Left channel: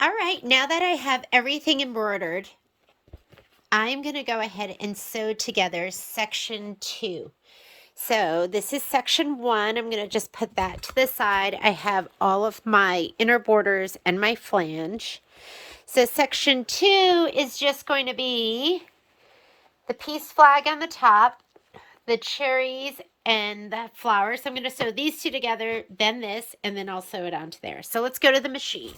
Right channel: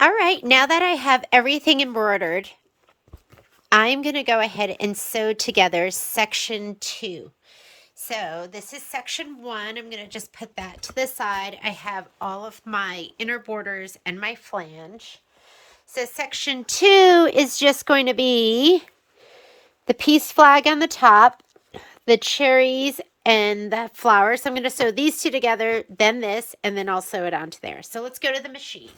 All right, now that I have everything embroidered, I'm going to go ahead and sew together section 2. So this is section 1. I'm going to just put that to the side. I have all of my inner borders and my flange. So section 2 is just going to be the peace flag on the top, the cherries, and the flowers. So I'm going to sew these two together, then this, and then I'll sew it onto there. So let's go to the machine.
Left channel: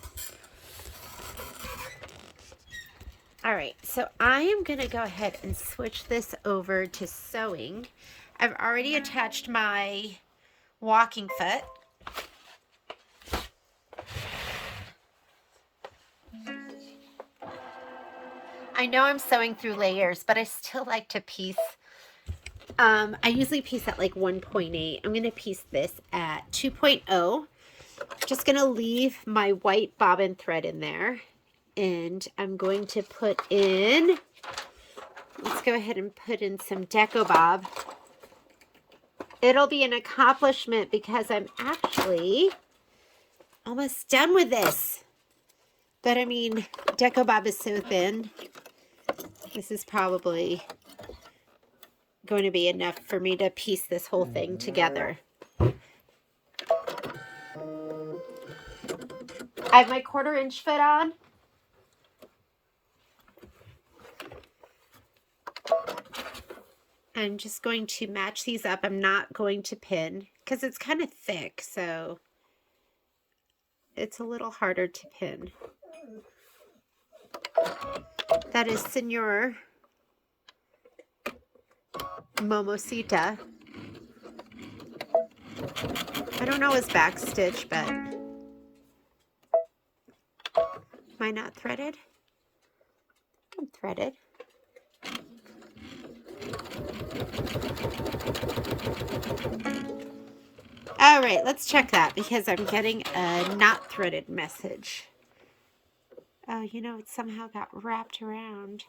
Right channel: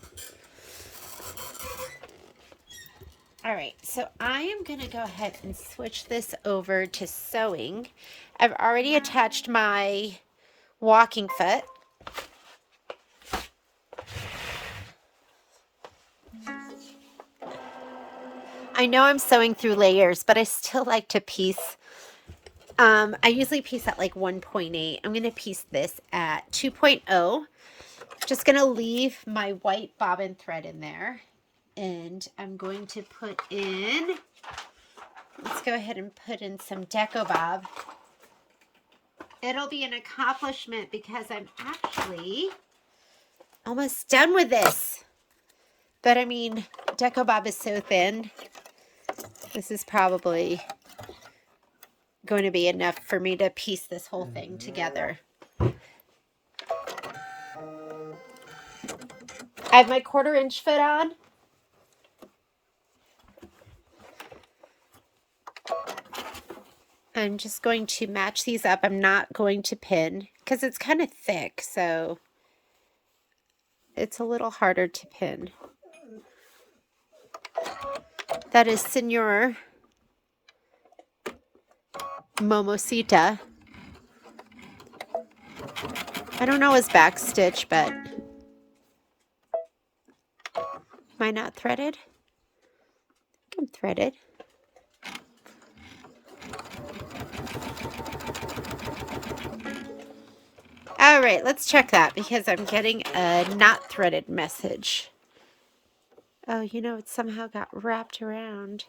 All right, so I am going to go ahead and switch this over to sewing. I've already attached my walking foot. I know I'm sewing through layers, but I still like to piece. I usually piece at like 1.8. I'm going to piece this at 2.0. Just going to leave my white bobbin thread in there. And I'm going to put in, let's go ahead and put in some Deco Bob. It'll be an accomplishment because I'm actually almost done with this. But I mean, Deco Bob is so thin. This is probably going to be enough for me to piece this whole thing together. I have my 1/4 inch foot on. I'm just going to match these up. I'm not going to pin because it's kind of thick, so it's a little harder to pin. That is Senor Momosita. I don't know his back stitch, but am I not threaded? I'm threaded. All right, let's check that because I'm getting a not threaded message. Oh, you know, it somehow got wrapped around.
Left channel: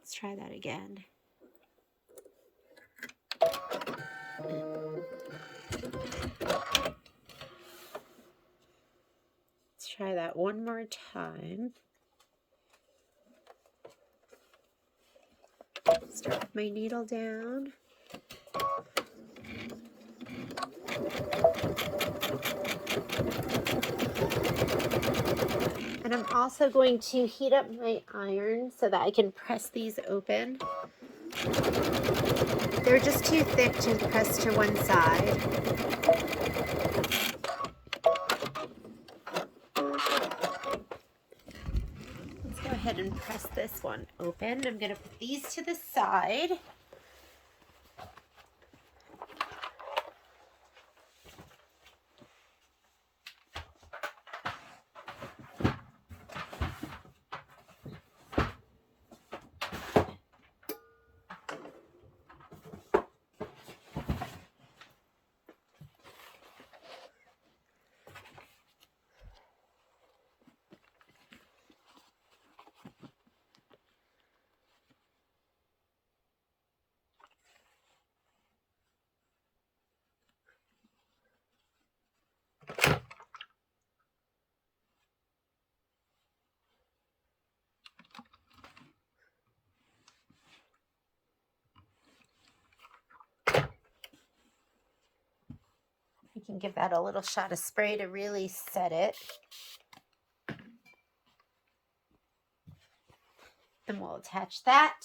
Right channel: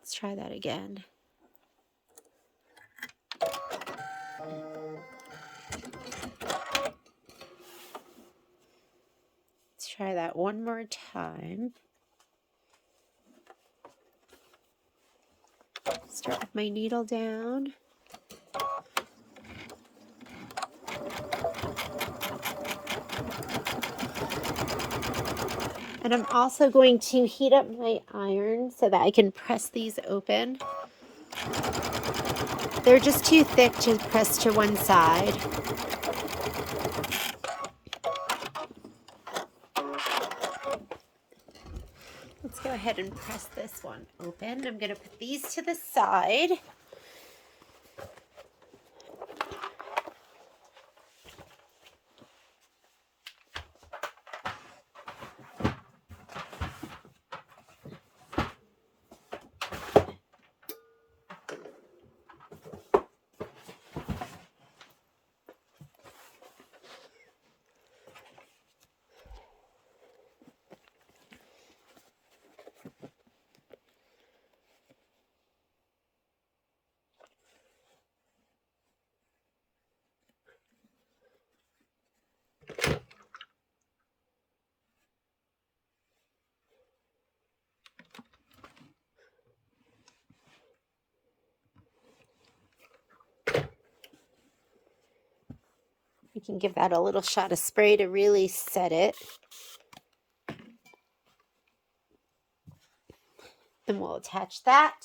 Let's try that again. Let's try that one more time. Start with my needle down. And I'm also going to heat up my iron so that I can press these open. They're just too thick to press to one side. Let's go ahead and press this one open. I'm going to put these to the side. You can give that a little shot of spray to really set it. Then we'll attach that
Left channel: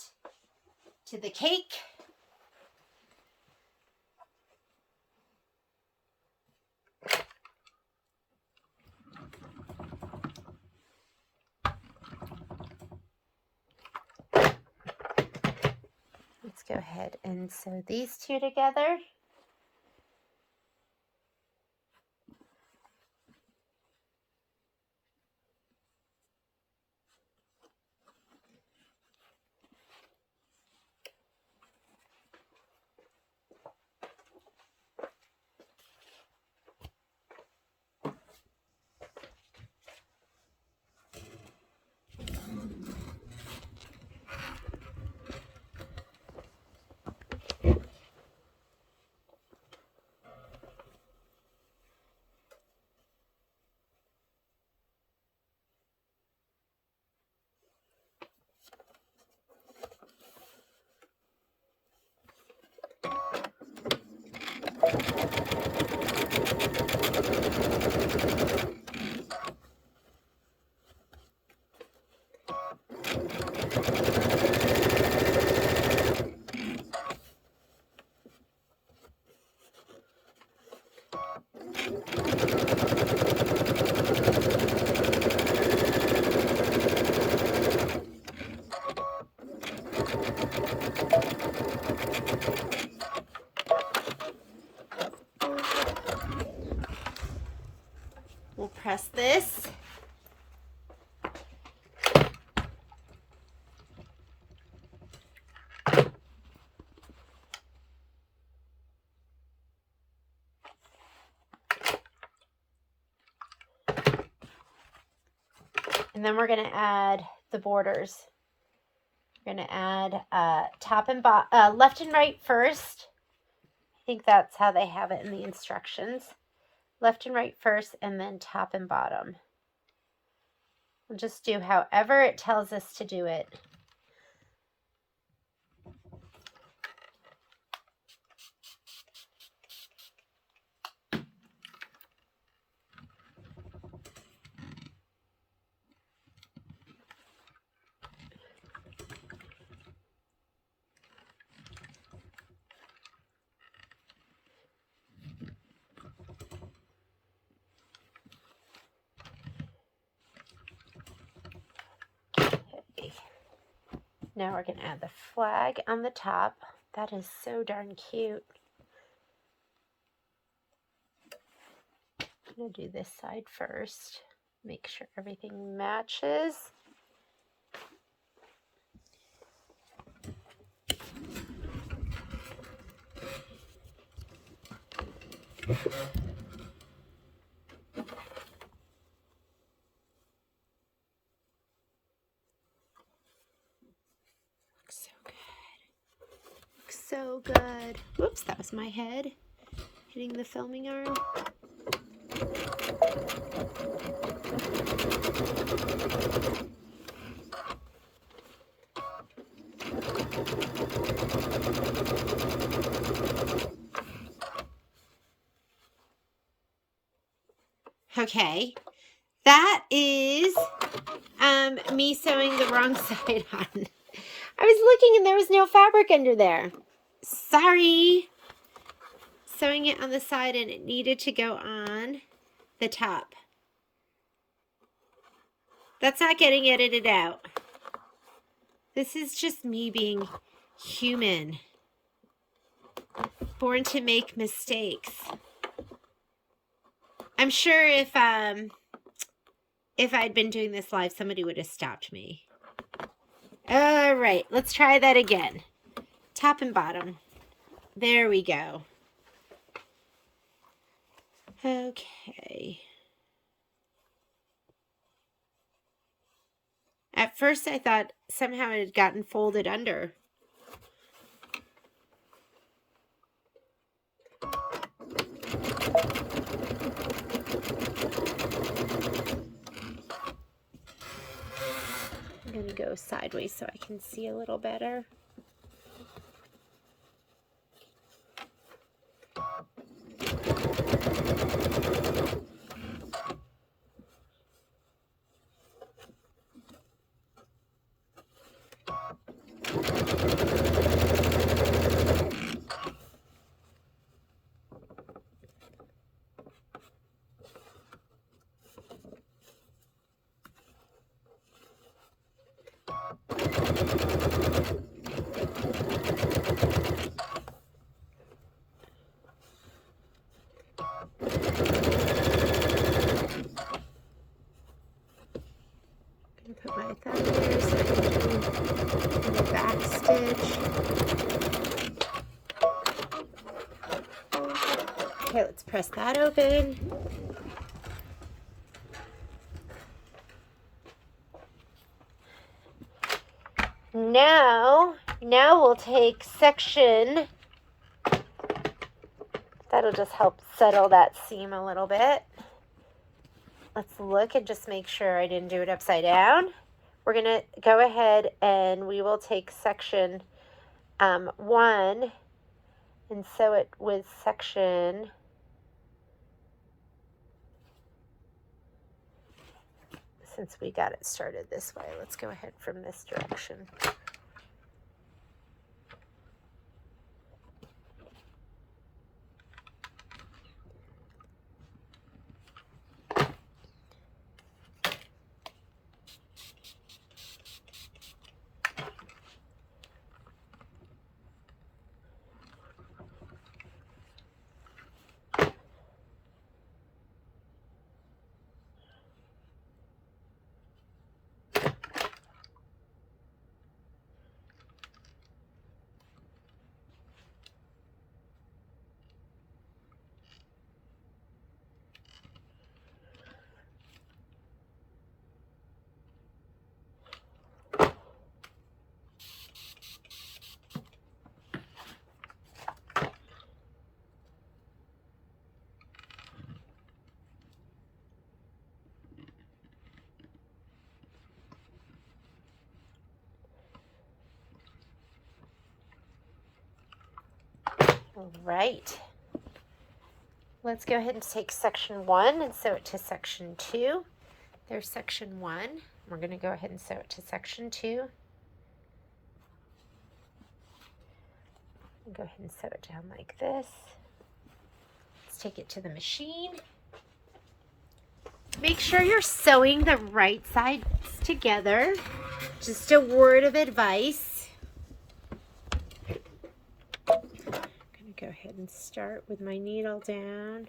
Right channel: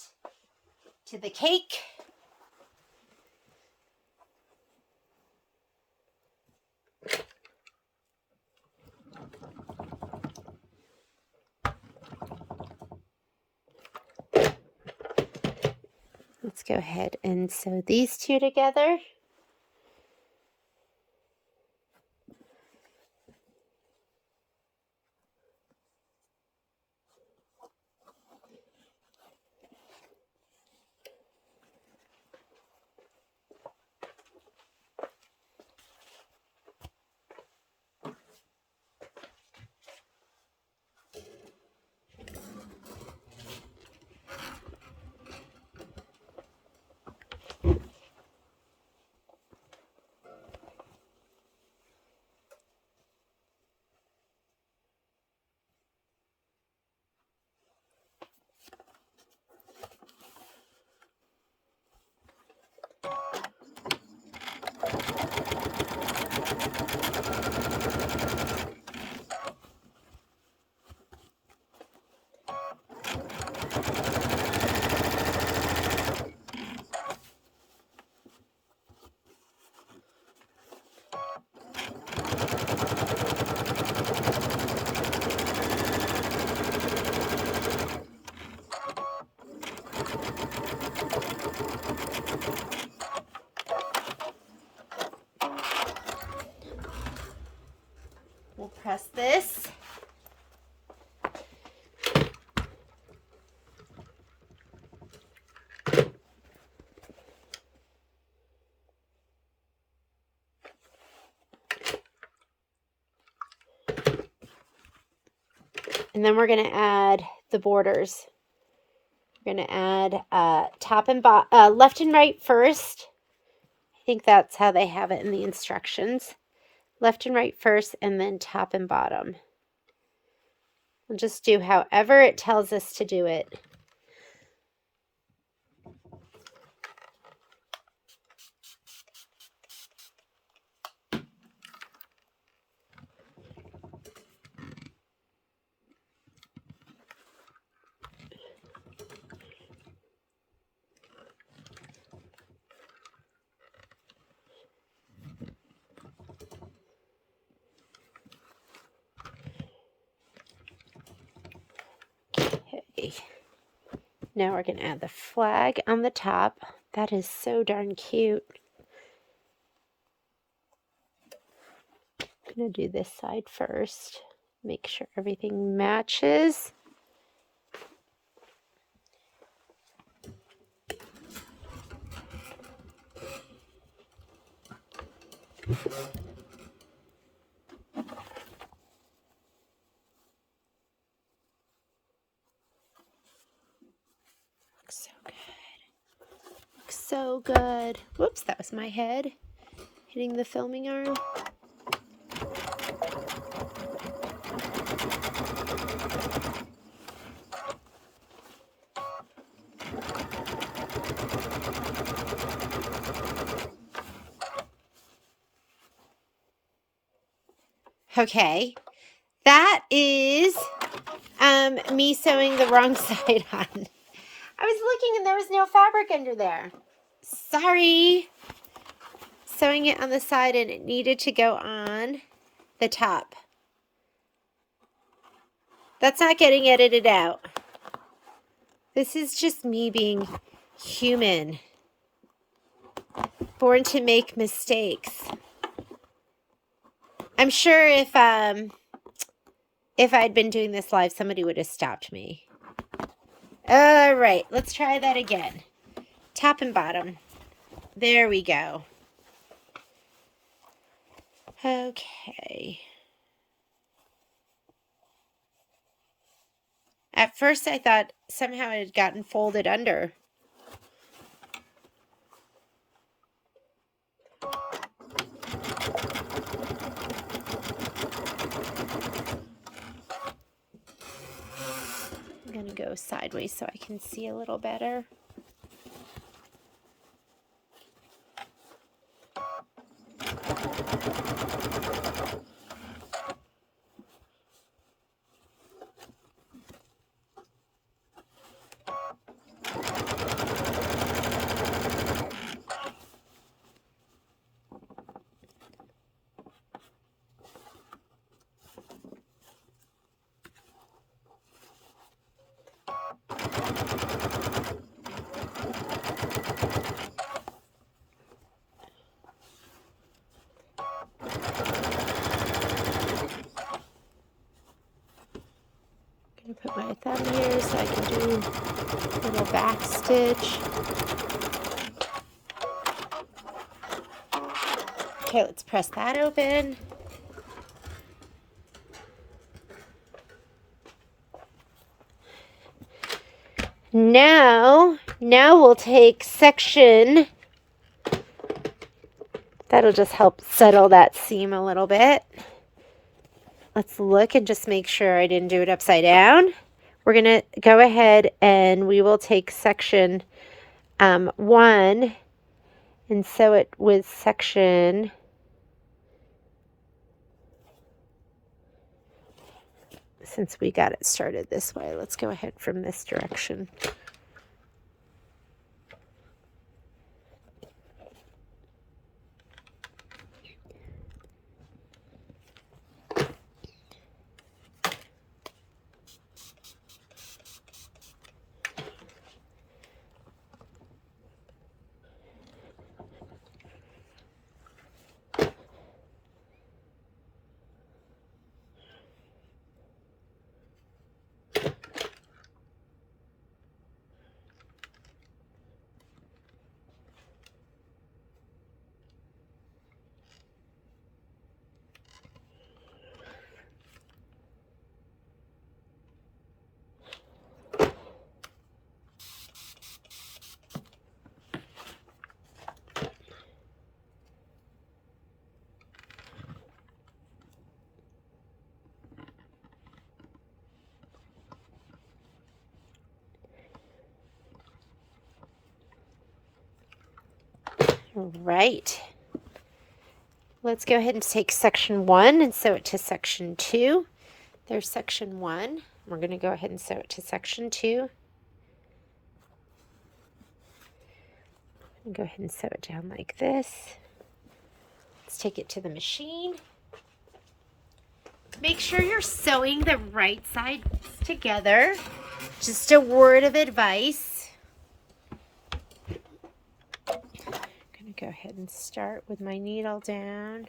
to the cake. Let's go ahead and sew these two together. press this. And then we're going to add the borders. We're going to add top and left and right first. I think that's how they have it in the instructions. Left and right first, and then top and bottom. We'll just do however it tells us to do it. Now we're going to add the flag on the top. That is so darn cute. I'm going to do this side first. Make sure everything matches. Looks so good. Looks so good. Whoops, that was my head hitting the filming arm. Okay, that is me sewing the wrong side on. I was looking and there was no fabric under there. Sorry. Sewing it on the side and it needed to go on the top. That's not getting edited out. This is just me being human. Born to make mistakes. I'm sure if I'd been doing this live, somebody would have stopped me. All right, let's try that again. Top and bottom. There we go. Okay. At first I thought somehow it had gotten folded under. I'm going to go sideways so I can see a little better. Put my thumb here so I can do a little back stitch. Okay, let's press that open. Now we'll take section. That'll just help settle that seam a little bit. Let's look and just make sure I didn't do it upside down. We're going to go ahead and we will take section 1 and sew it with section since we got it started this way. Let's go ahead from this direction. All right. Let's go ahead and take section 1 and sew it to section 2. There's section 1. We're going to go ahead and sew it to section 2. And go ahead and sew it down like this. Let's take it to the machine. Make sure you're sewing the right sides together. Just a word of advice. I'm going to go ahead and start with my needle down.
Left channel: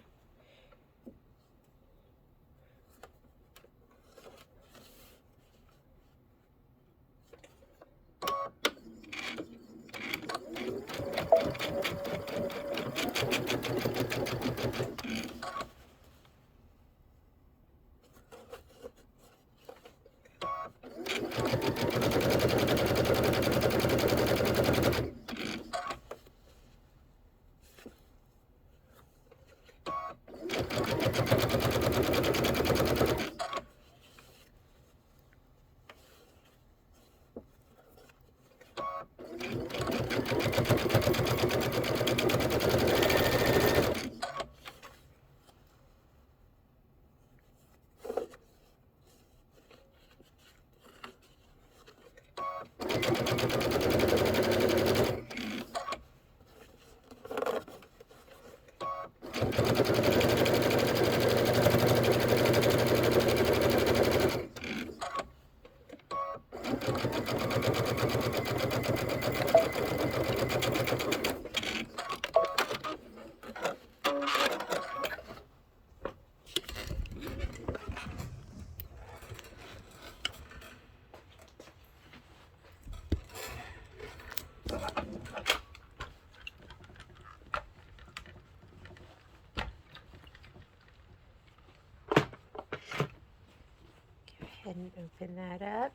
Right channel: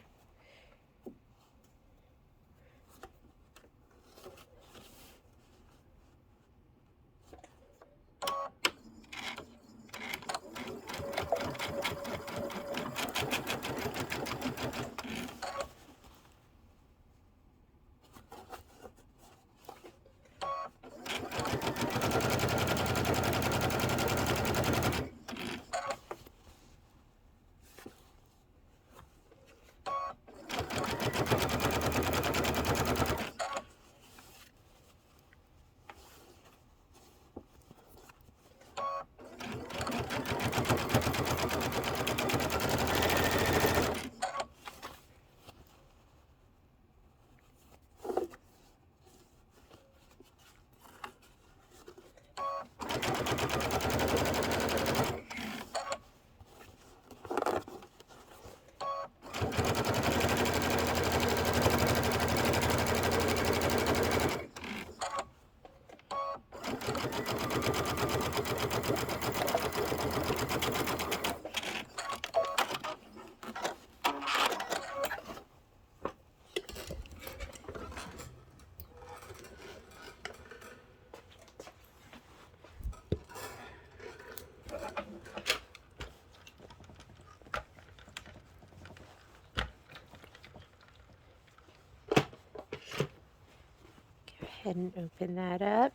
Go ahead and open that up.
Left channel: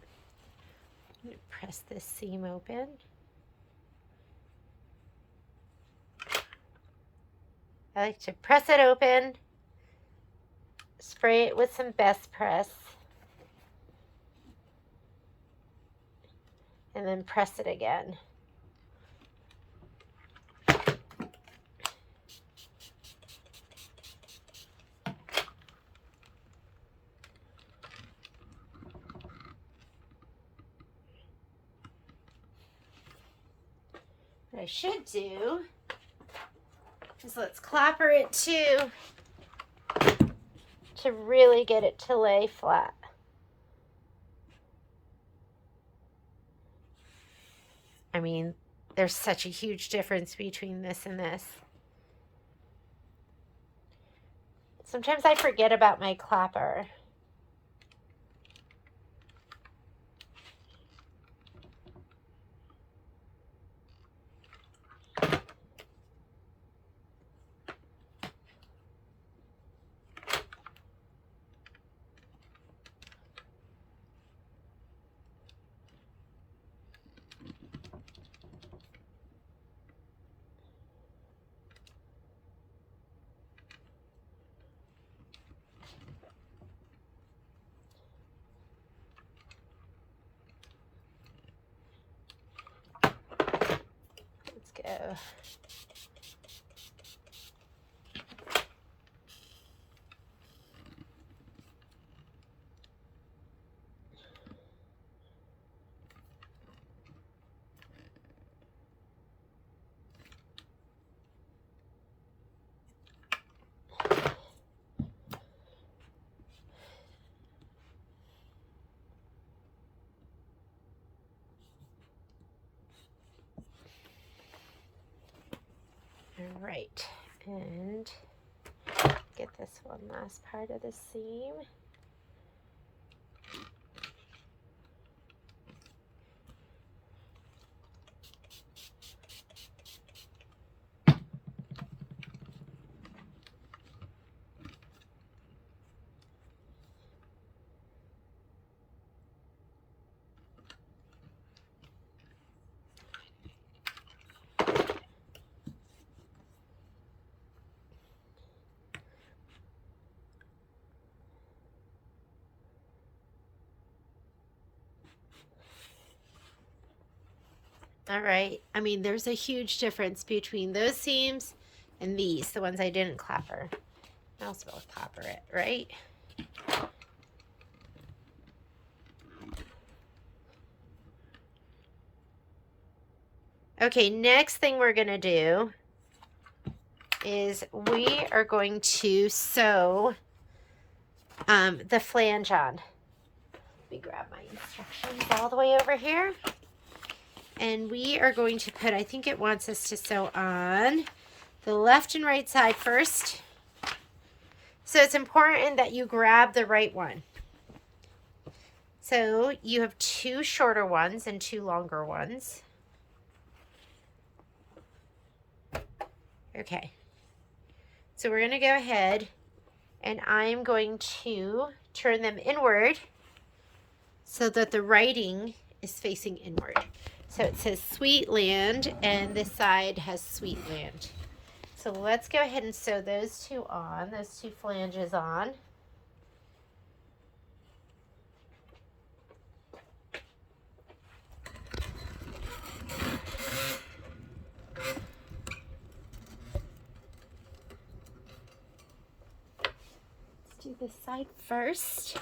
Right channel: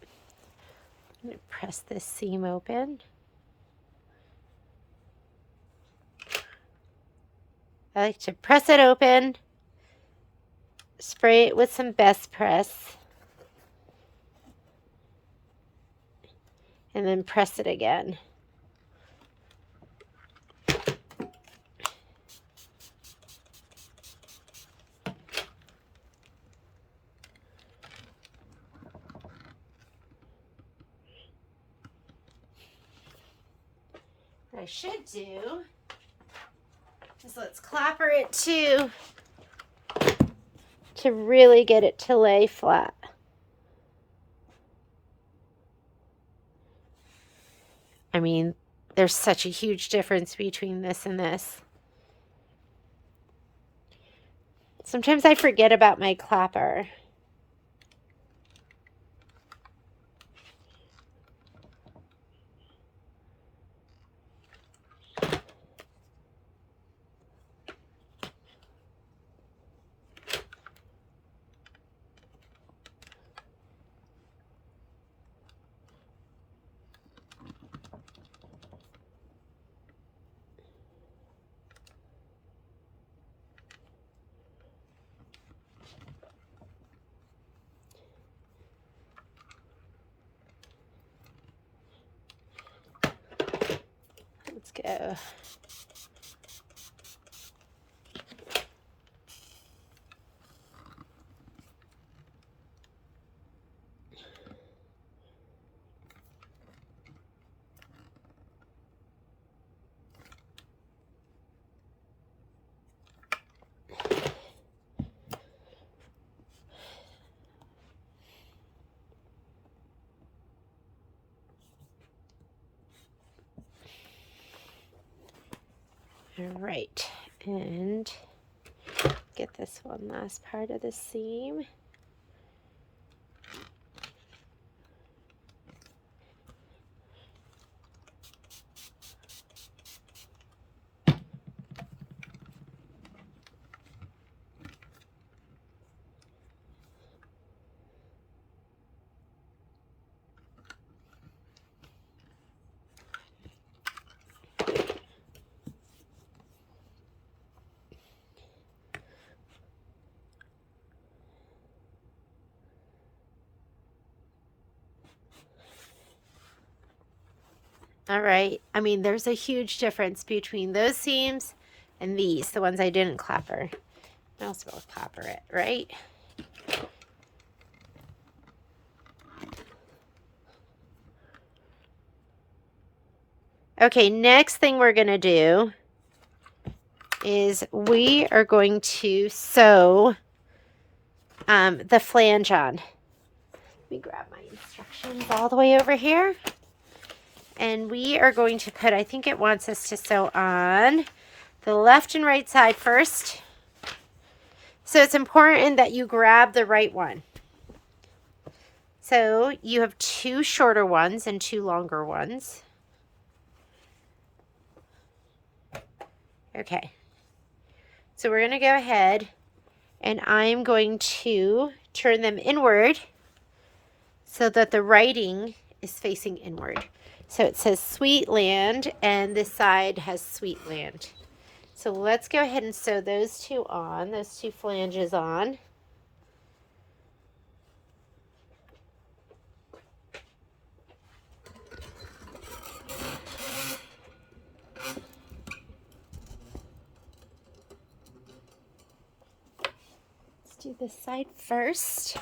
I'm going to press this seam open. I like to press it open, spray it with some Best Press, and then press it again. What I should do is let's clapper it too to really get it to lay flat. I mean, there's such a huge difference between this and this. Sometimes I forget about my clapper. Let's go. All right, and get this one last part of the seam. All right. I mean, there's a huge difference between those seams and these, the ones I didn't clapper. I also will clapper it, right? Okay, next thing we're going to do is we are going to sew the flange on. Let me grab my instructions all the way over here. And we are going to put, I think it wants us to sew on the left and right side first. So it's important that you grab the right one. So you have 2 shorter ones and 2 longer ones. Okay. So we're going to go ahead and I'm going to turn them inward so that the writing is facing inward. So it says Sweet Land and this side has Sweet Land. So let's go ahead and sew those 2 on, those 2 flanges on. Let's do this side first.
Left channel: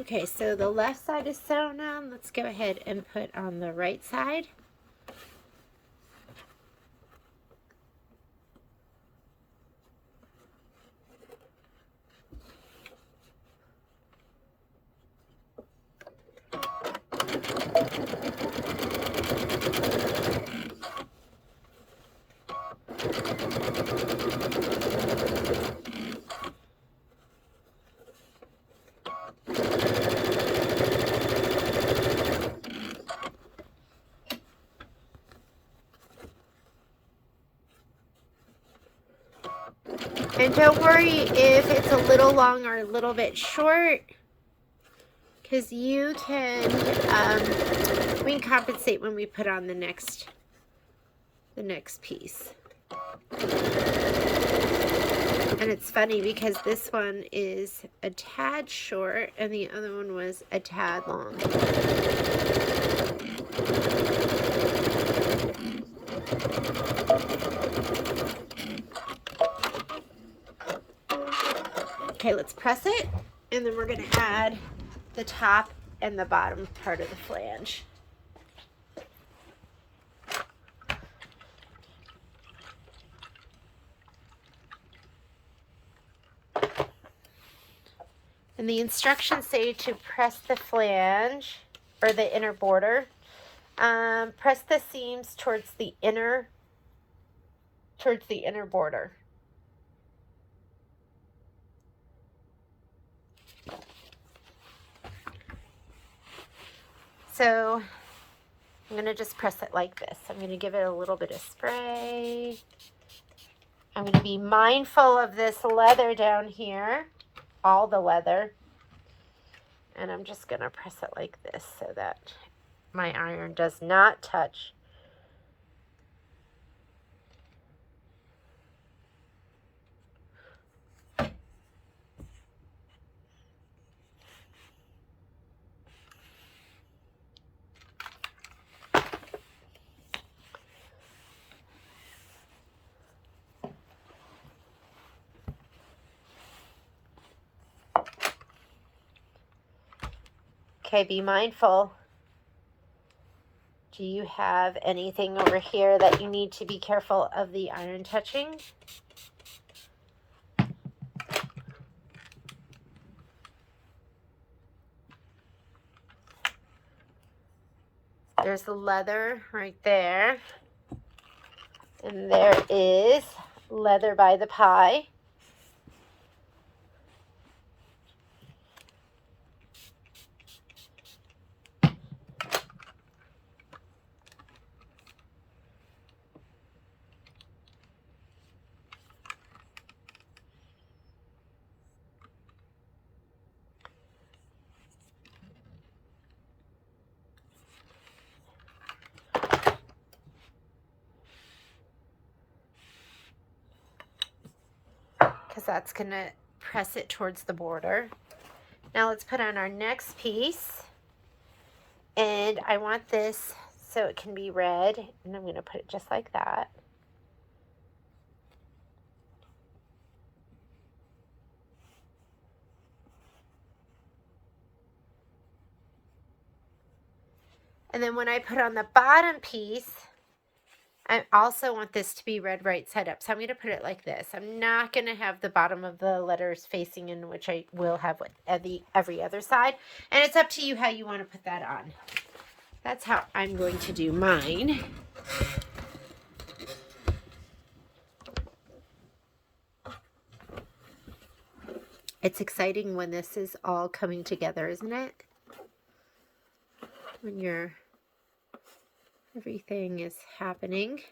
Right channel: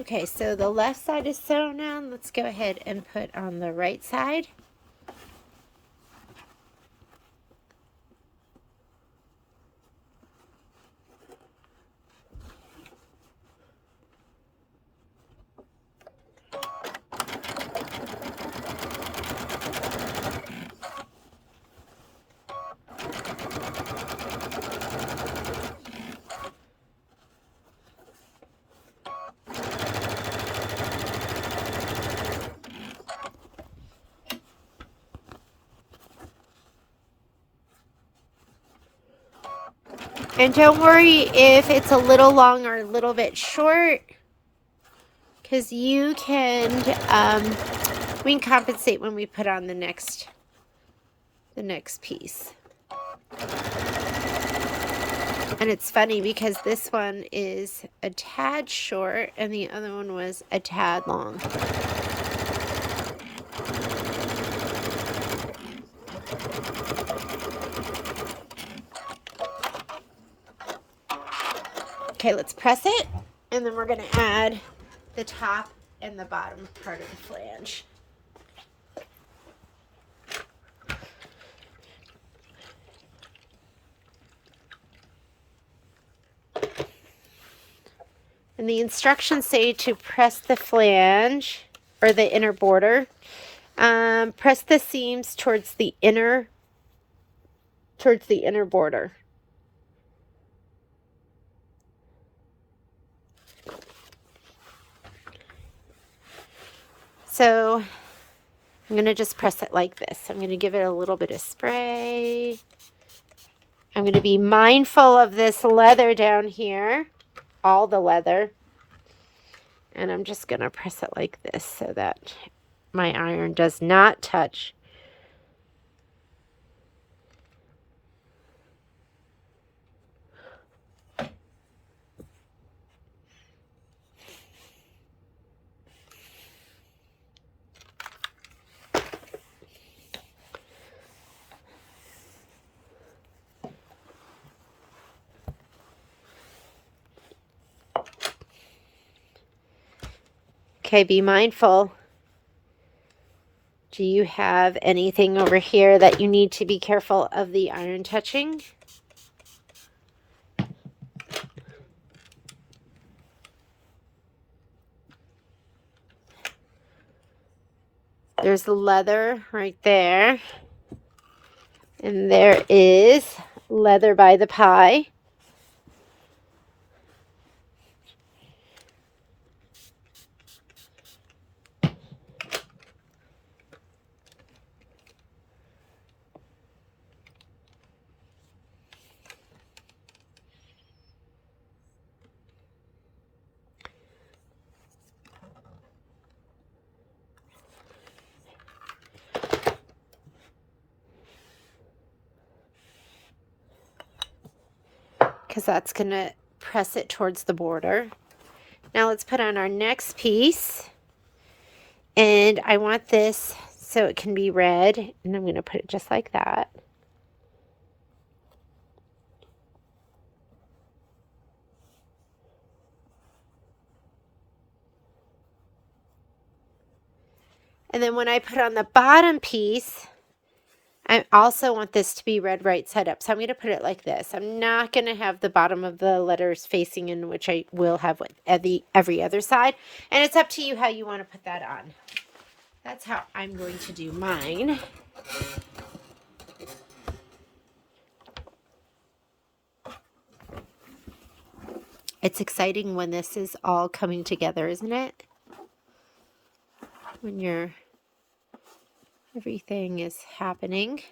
Okay, so the left side is sewn on. Let's go ahead and put on the right side. And don't worry if it's a little long or a little bit short, because we can compensate when we put on the next piece. And it's funny because this one is a tad short and the other one was a tad long. Okay, let's press it, and then we're going to add the top and the bottom part of the flange. And the instructions say to press the flange, or the inner border. Press the seams towards the inner border. So I'm going to just press it like this. I'm going to give it a little bit of spray. I'm going to be mindful of this leather down here, all the leather. And I'm just going to press it like this so that my iron does not touch. Okay, be mindful. Do you have anything over here that you need to be careful of the iron touching? There's the leather right there. And there is leather by the pie. Because that's going to press it towards the border. Now let's put on our next piece. And I want this so it can be red. And I'm going to put it just like that. And then when I put on the bottom piece, I also want this to be red right side up. So I'm going to put it like this. I'm not going to have the bottom of the letters facing in, which I will have with every other side. And it's up to you how you want to put that on. That's how I'm going to do mine. It's exciting when this is all coming together, isn't it? When everything is happening.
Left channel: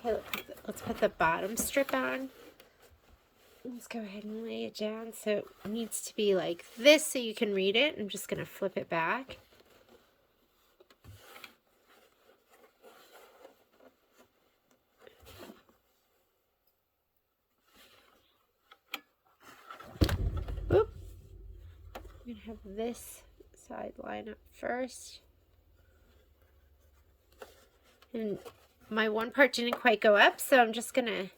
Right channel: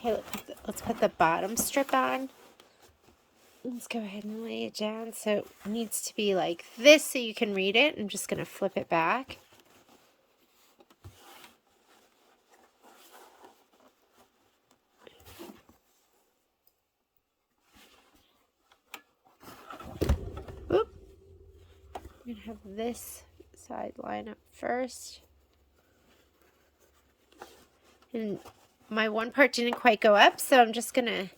Okay, let's put the bottom strip on. Let's go ahead and lay it down. So it needs to be like this so you can read it. I'm just going to flip it back. Oop. I'm going to have this side line up first. And my one part didn't quite go up, so I'm just going to...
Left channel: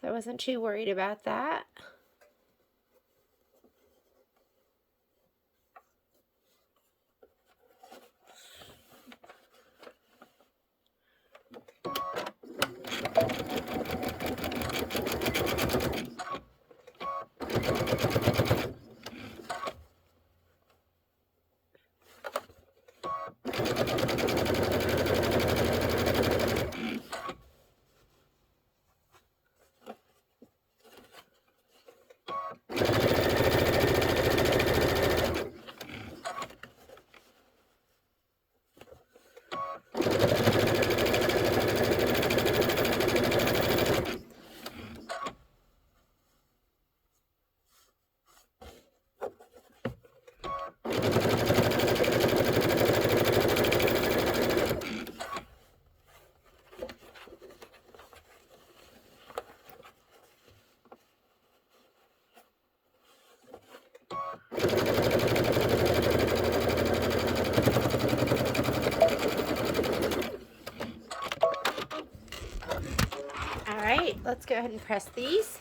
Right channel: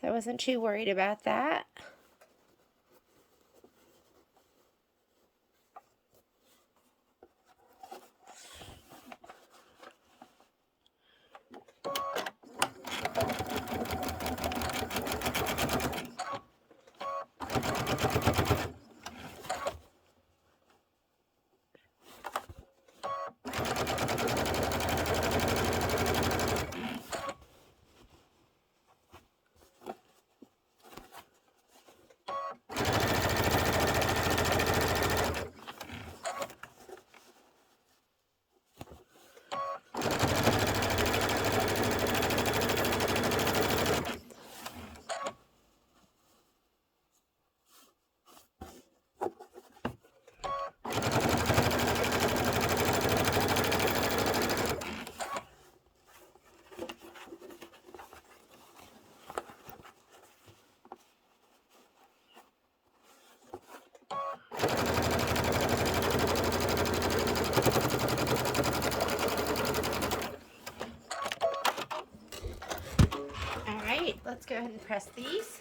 So I wasn't too worried about that. Let's go ahead and press these.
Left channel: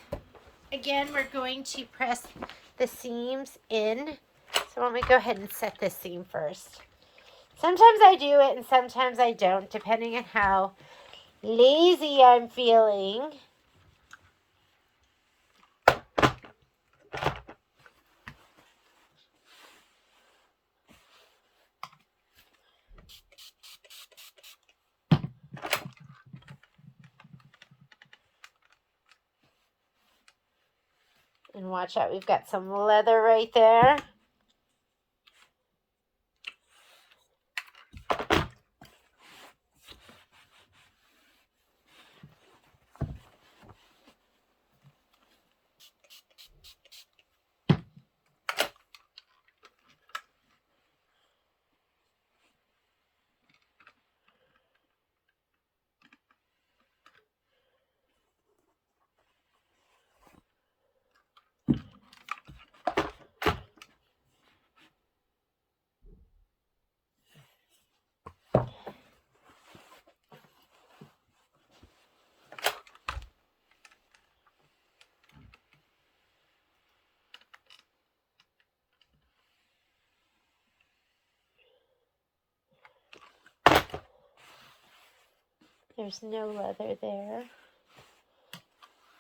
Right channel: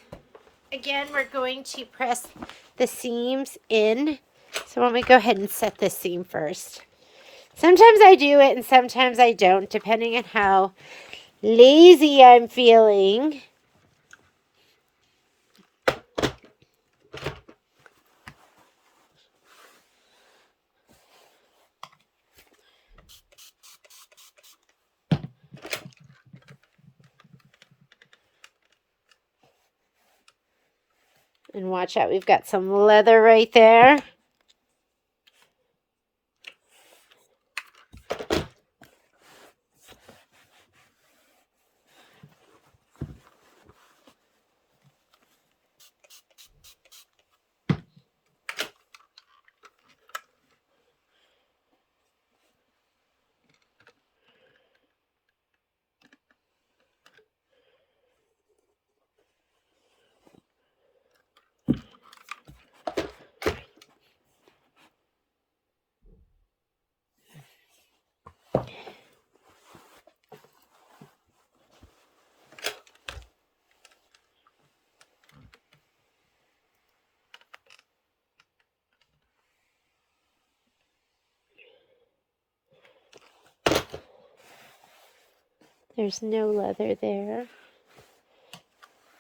Again, we're going to press the seams in. So let me go ahead and set this seam first. Sometimes I do it and sometimes I don't, depending on how lazy I'm feeling. And watch out, we've got some leather right there. There's no leather there.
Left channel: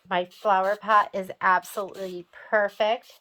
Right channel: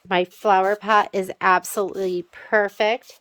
My flower pot is absolutely perfect.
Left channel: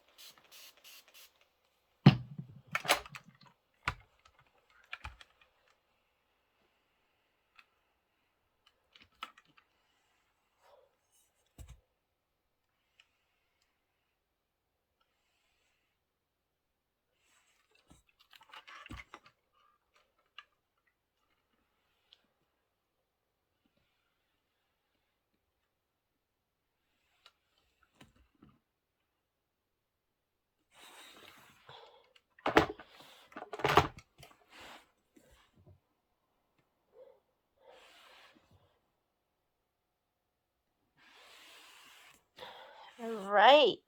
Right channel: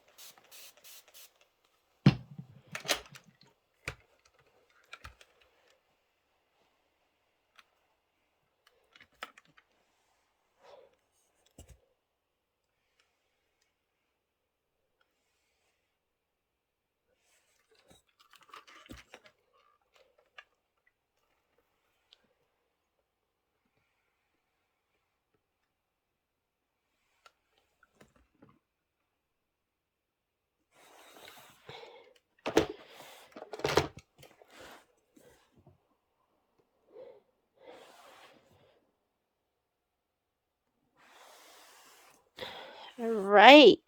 All right,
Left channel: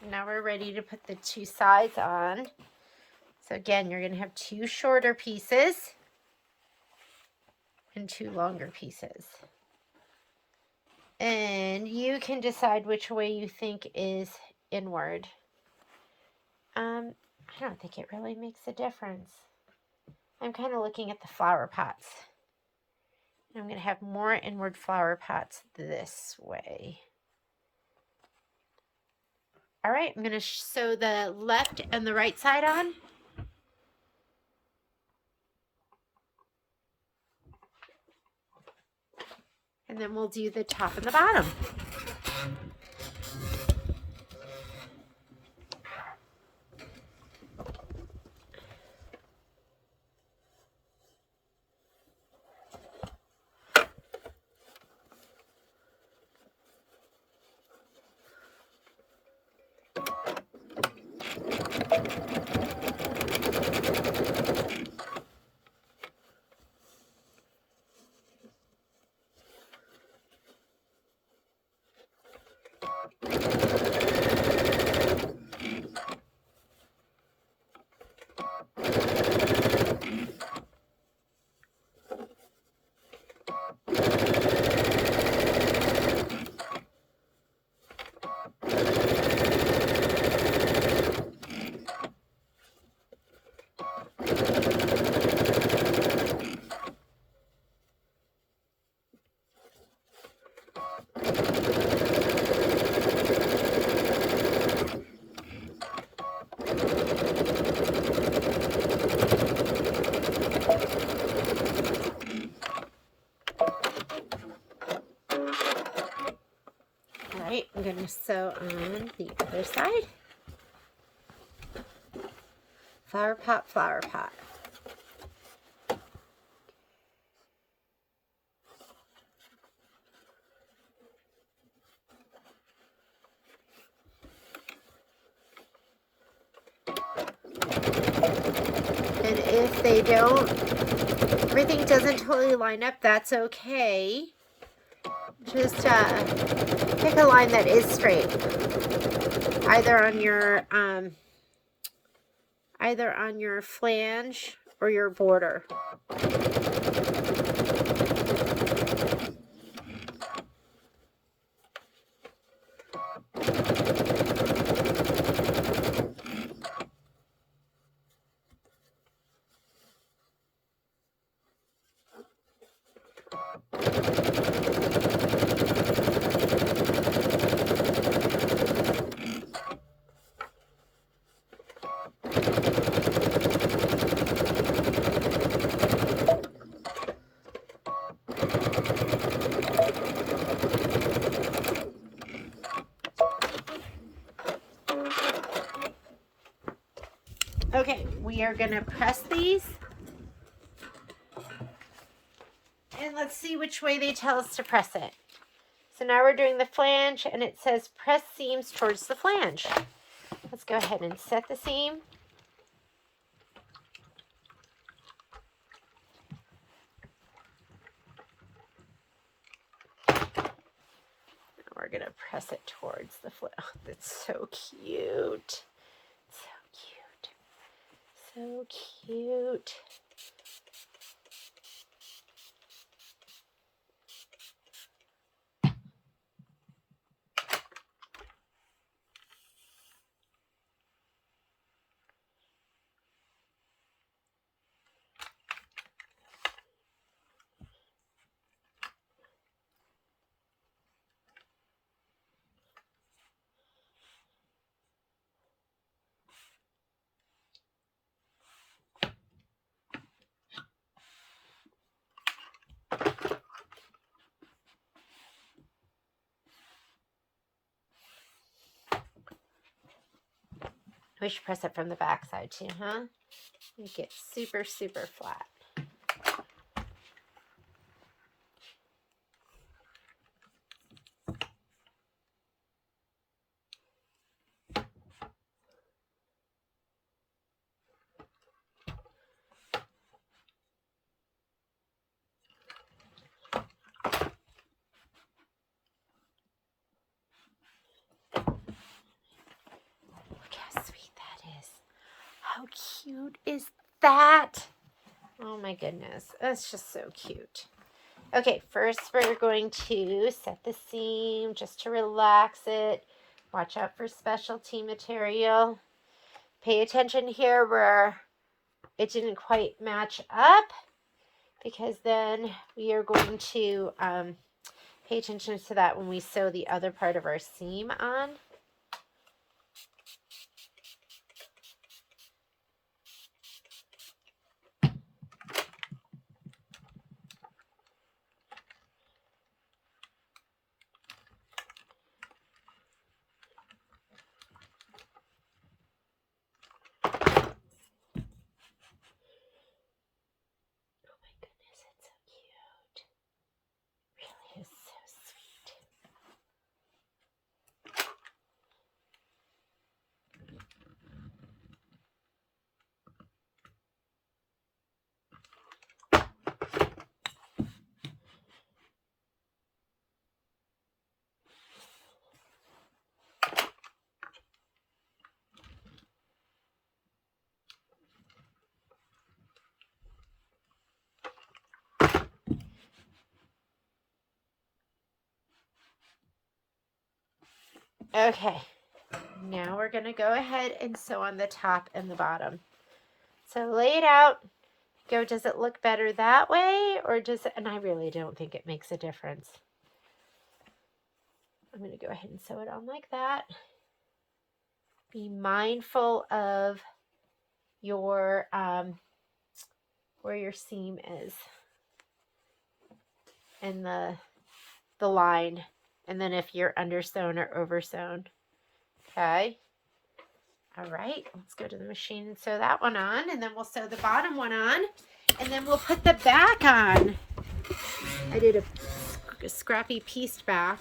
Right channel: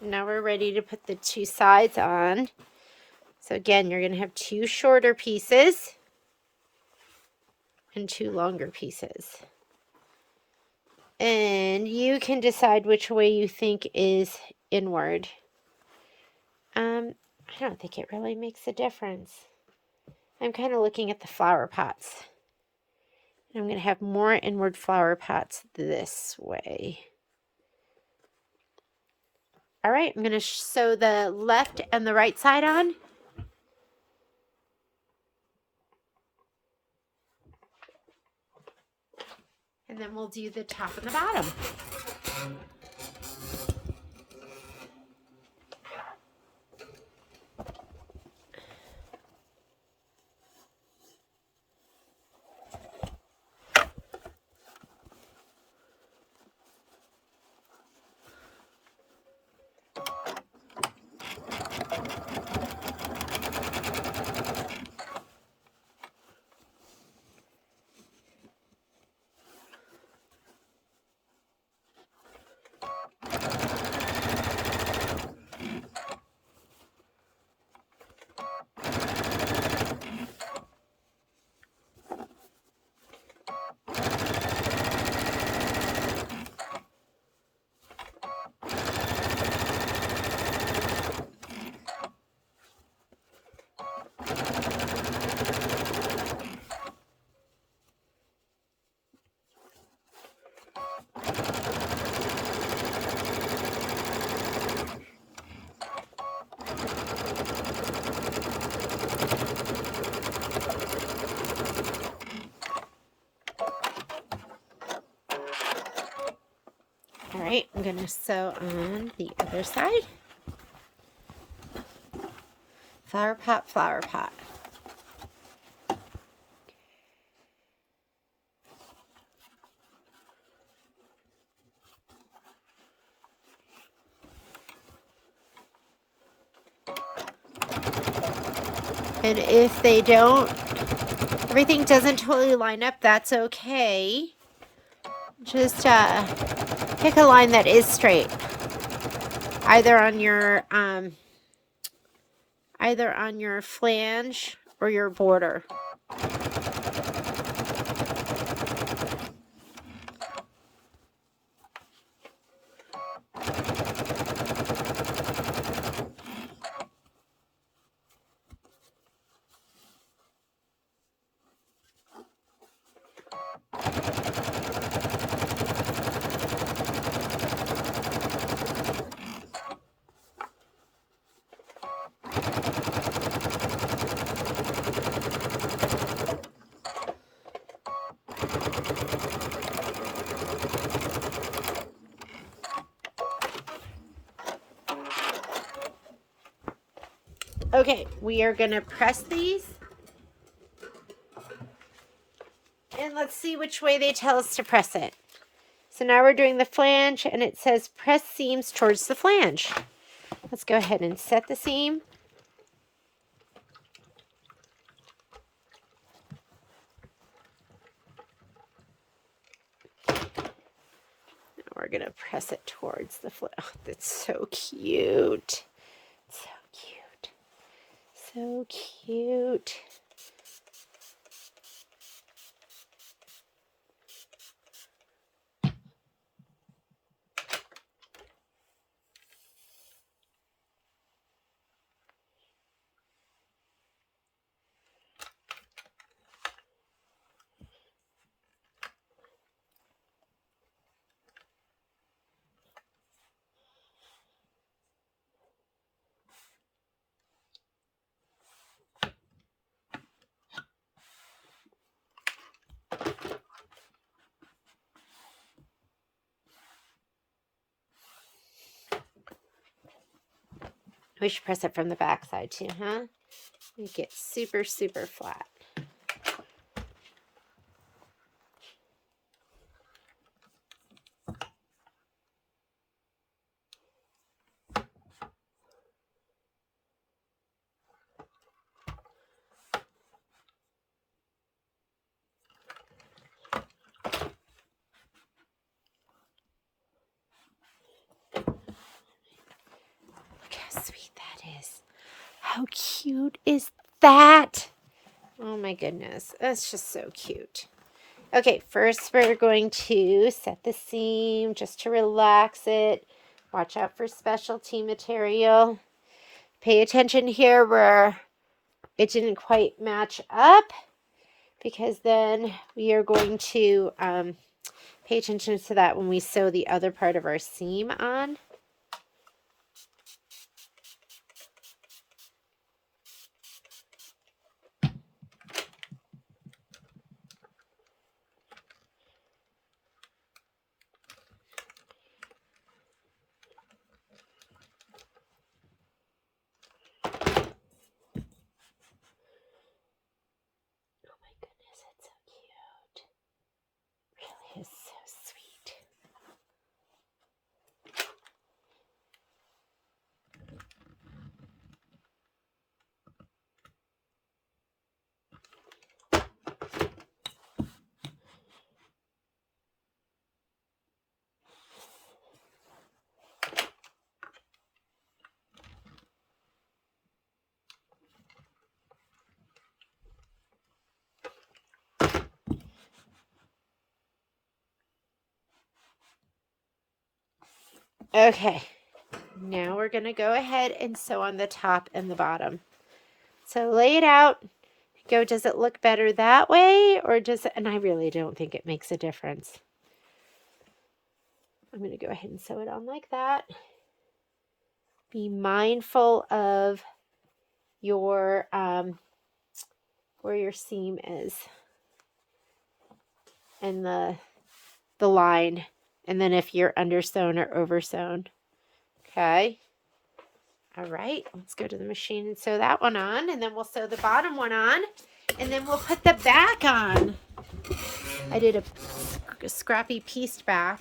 now we're ready to put the two sides on. So again, you're going to have two shorter pieces and two longer pieces. And you can decide which way you think is inward. I don't think it really makes a difference. I'm kind of looking at the flower pots. I'm going to have more inward flower pots this way. All right, I'm going to sew the left and the right side on. And then we'll do the top and the bottom. All right, I'm going to sew on the other side. Flower pot, flower pot. And if they don't, everything doesn't totally line up, that's okay. Just pick a line that is straight. Either on your flange or your border. Okay, we are going to press these. And let's see which way they tell us to press it. So now we're doing the flange, and it says press seams towards the flange. Let's go ahead and set the seam. Now we're going to press it towards the flange. Oh, that's so cute. So cute. So cute. We should press it from the back side too, huh? Make it super, super flat. Look how sweet that is. How cute is that? Oh my goodness, that's just so cute. Okay, first we're going to set the seam just to relax it. Watch out for specialty material. Pay attention here where it didn't quite match up, because then we are going to pay attention to that when we sew the other part of our seam on. Is so sweet. Okay, now we're going to go ahead and sew on the top and the bottom. So lay it out. Go, does it look better that way, or does it? And I really don't think it makes a difference. I'm going to go ahead and sew it on like that. Be mindful of your where your seam is and the line, and then if you're undersewn or oversewn. Okay. All right, let's go to the machine and sew that one on, and then we'll sew the bottom one on, and then we'll put the back on. I did a scrappy pieced back.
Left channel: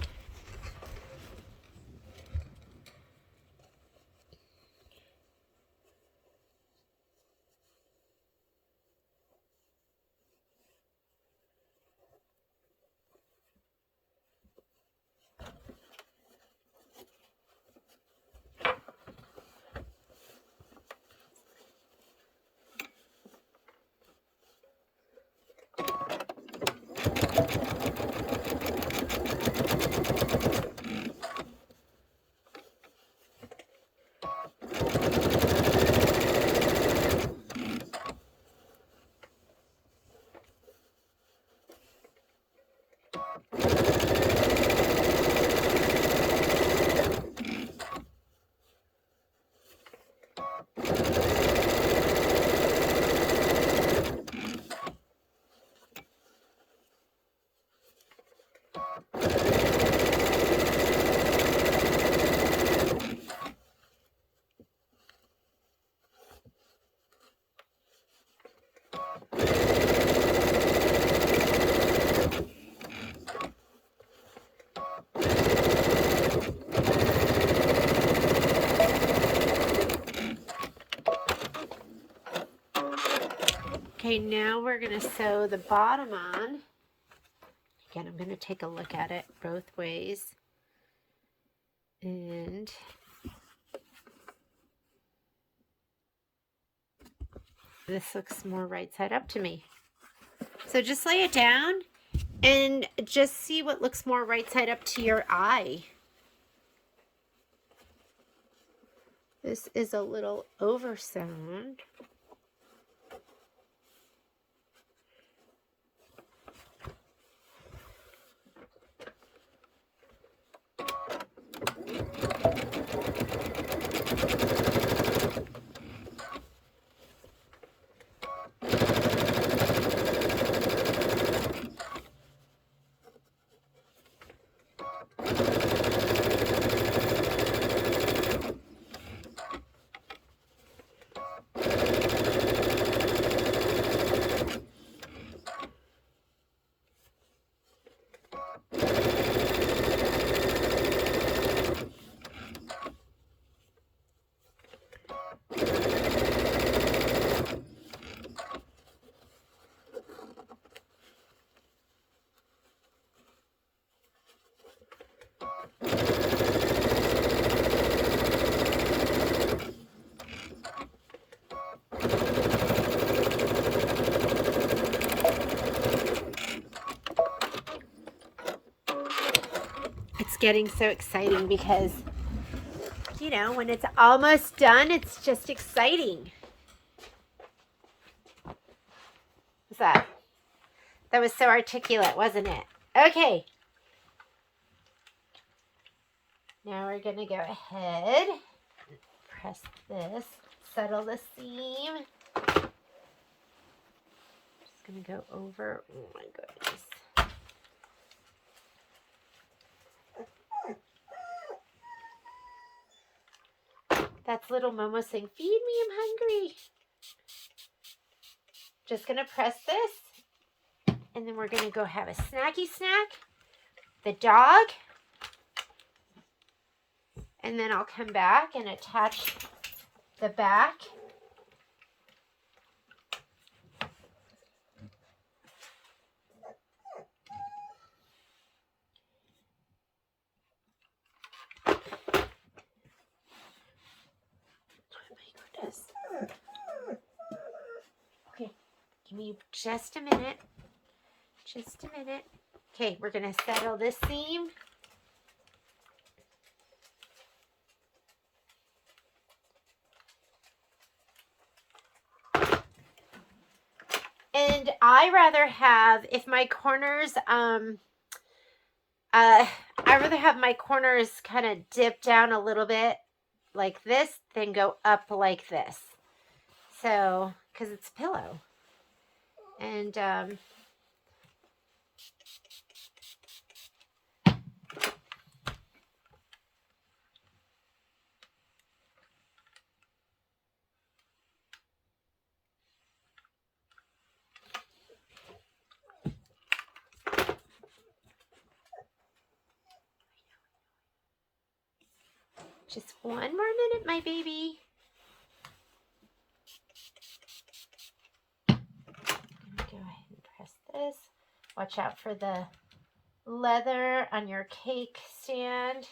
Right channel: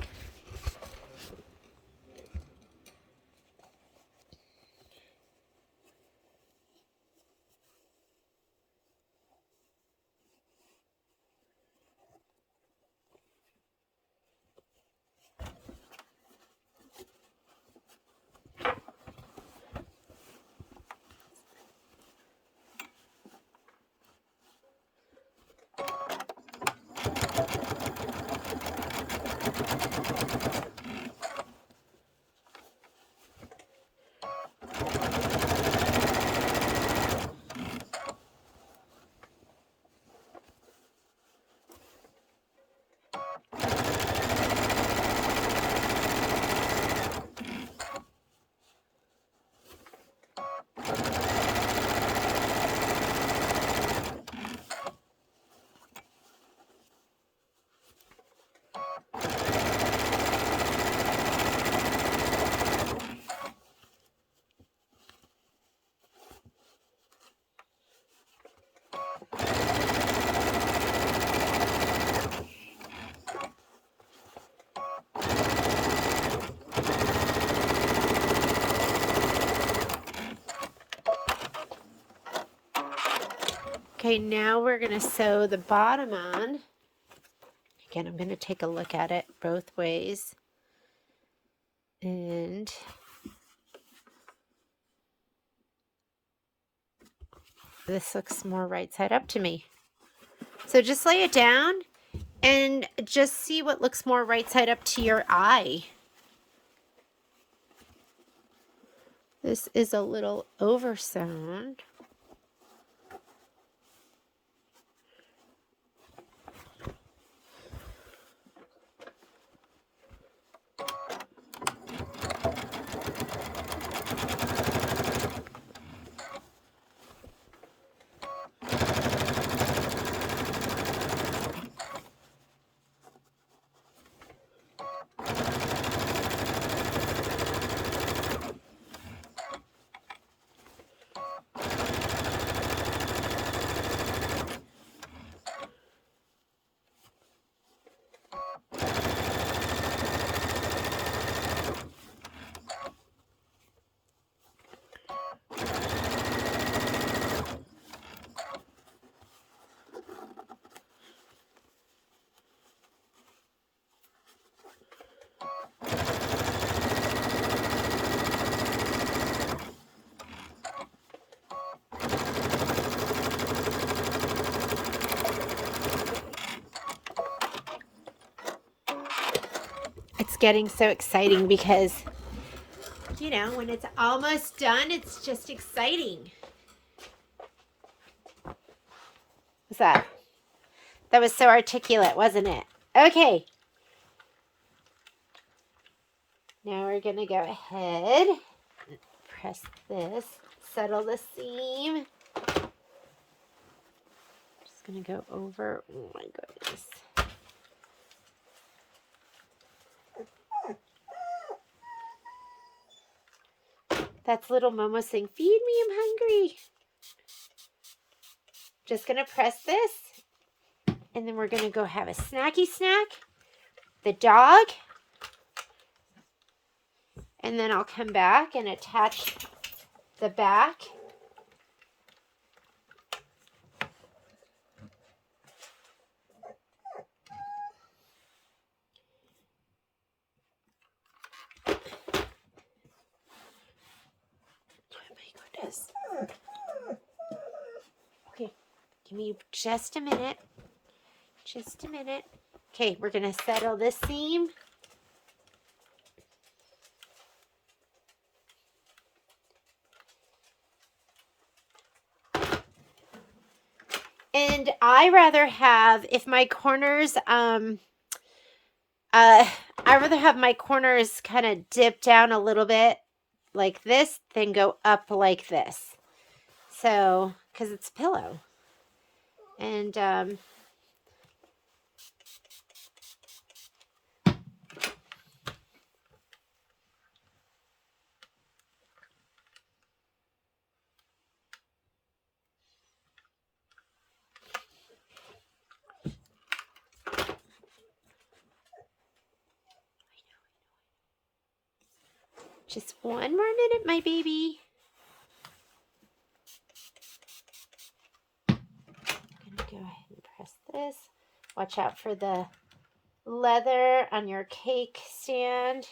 Okay, now we're going to sew the bottom on. Again, I'm going to take a look at it both ways. And this looks more right side up to me. So just lay it down and just see what looks more right side up to your eye. This is a little oversewn. It's getting so exciting because, you know, when it's almost done, it's just exciting. What's that? That was so articulate, wasn't it? Okay. Now we're going to go ahead and press this, settle the seam. Just going to go over. Oh my goodness. That's little Momo saying, feed me, I'm hungry. Just going to press this. And then we're going to go have a snacky snack. The dog. And then I'll come back and attach the back. Okay, give me just a minute. Just a minute. Okay, we're going to settle this seam. And I rather have, if my corners, I rather have my corners kind of dip down a little bit like this than go up like this. So, because it's a pillow. And, just one more minute, my baby. I'm going to go ahead and press this. Watch out for the leather on your cake stand.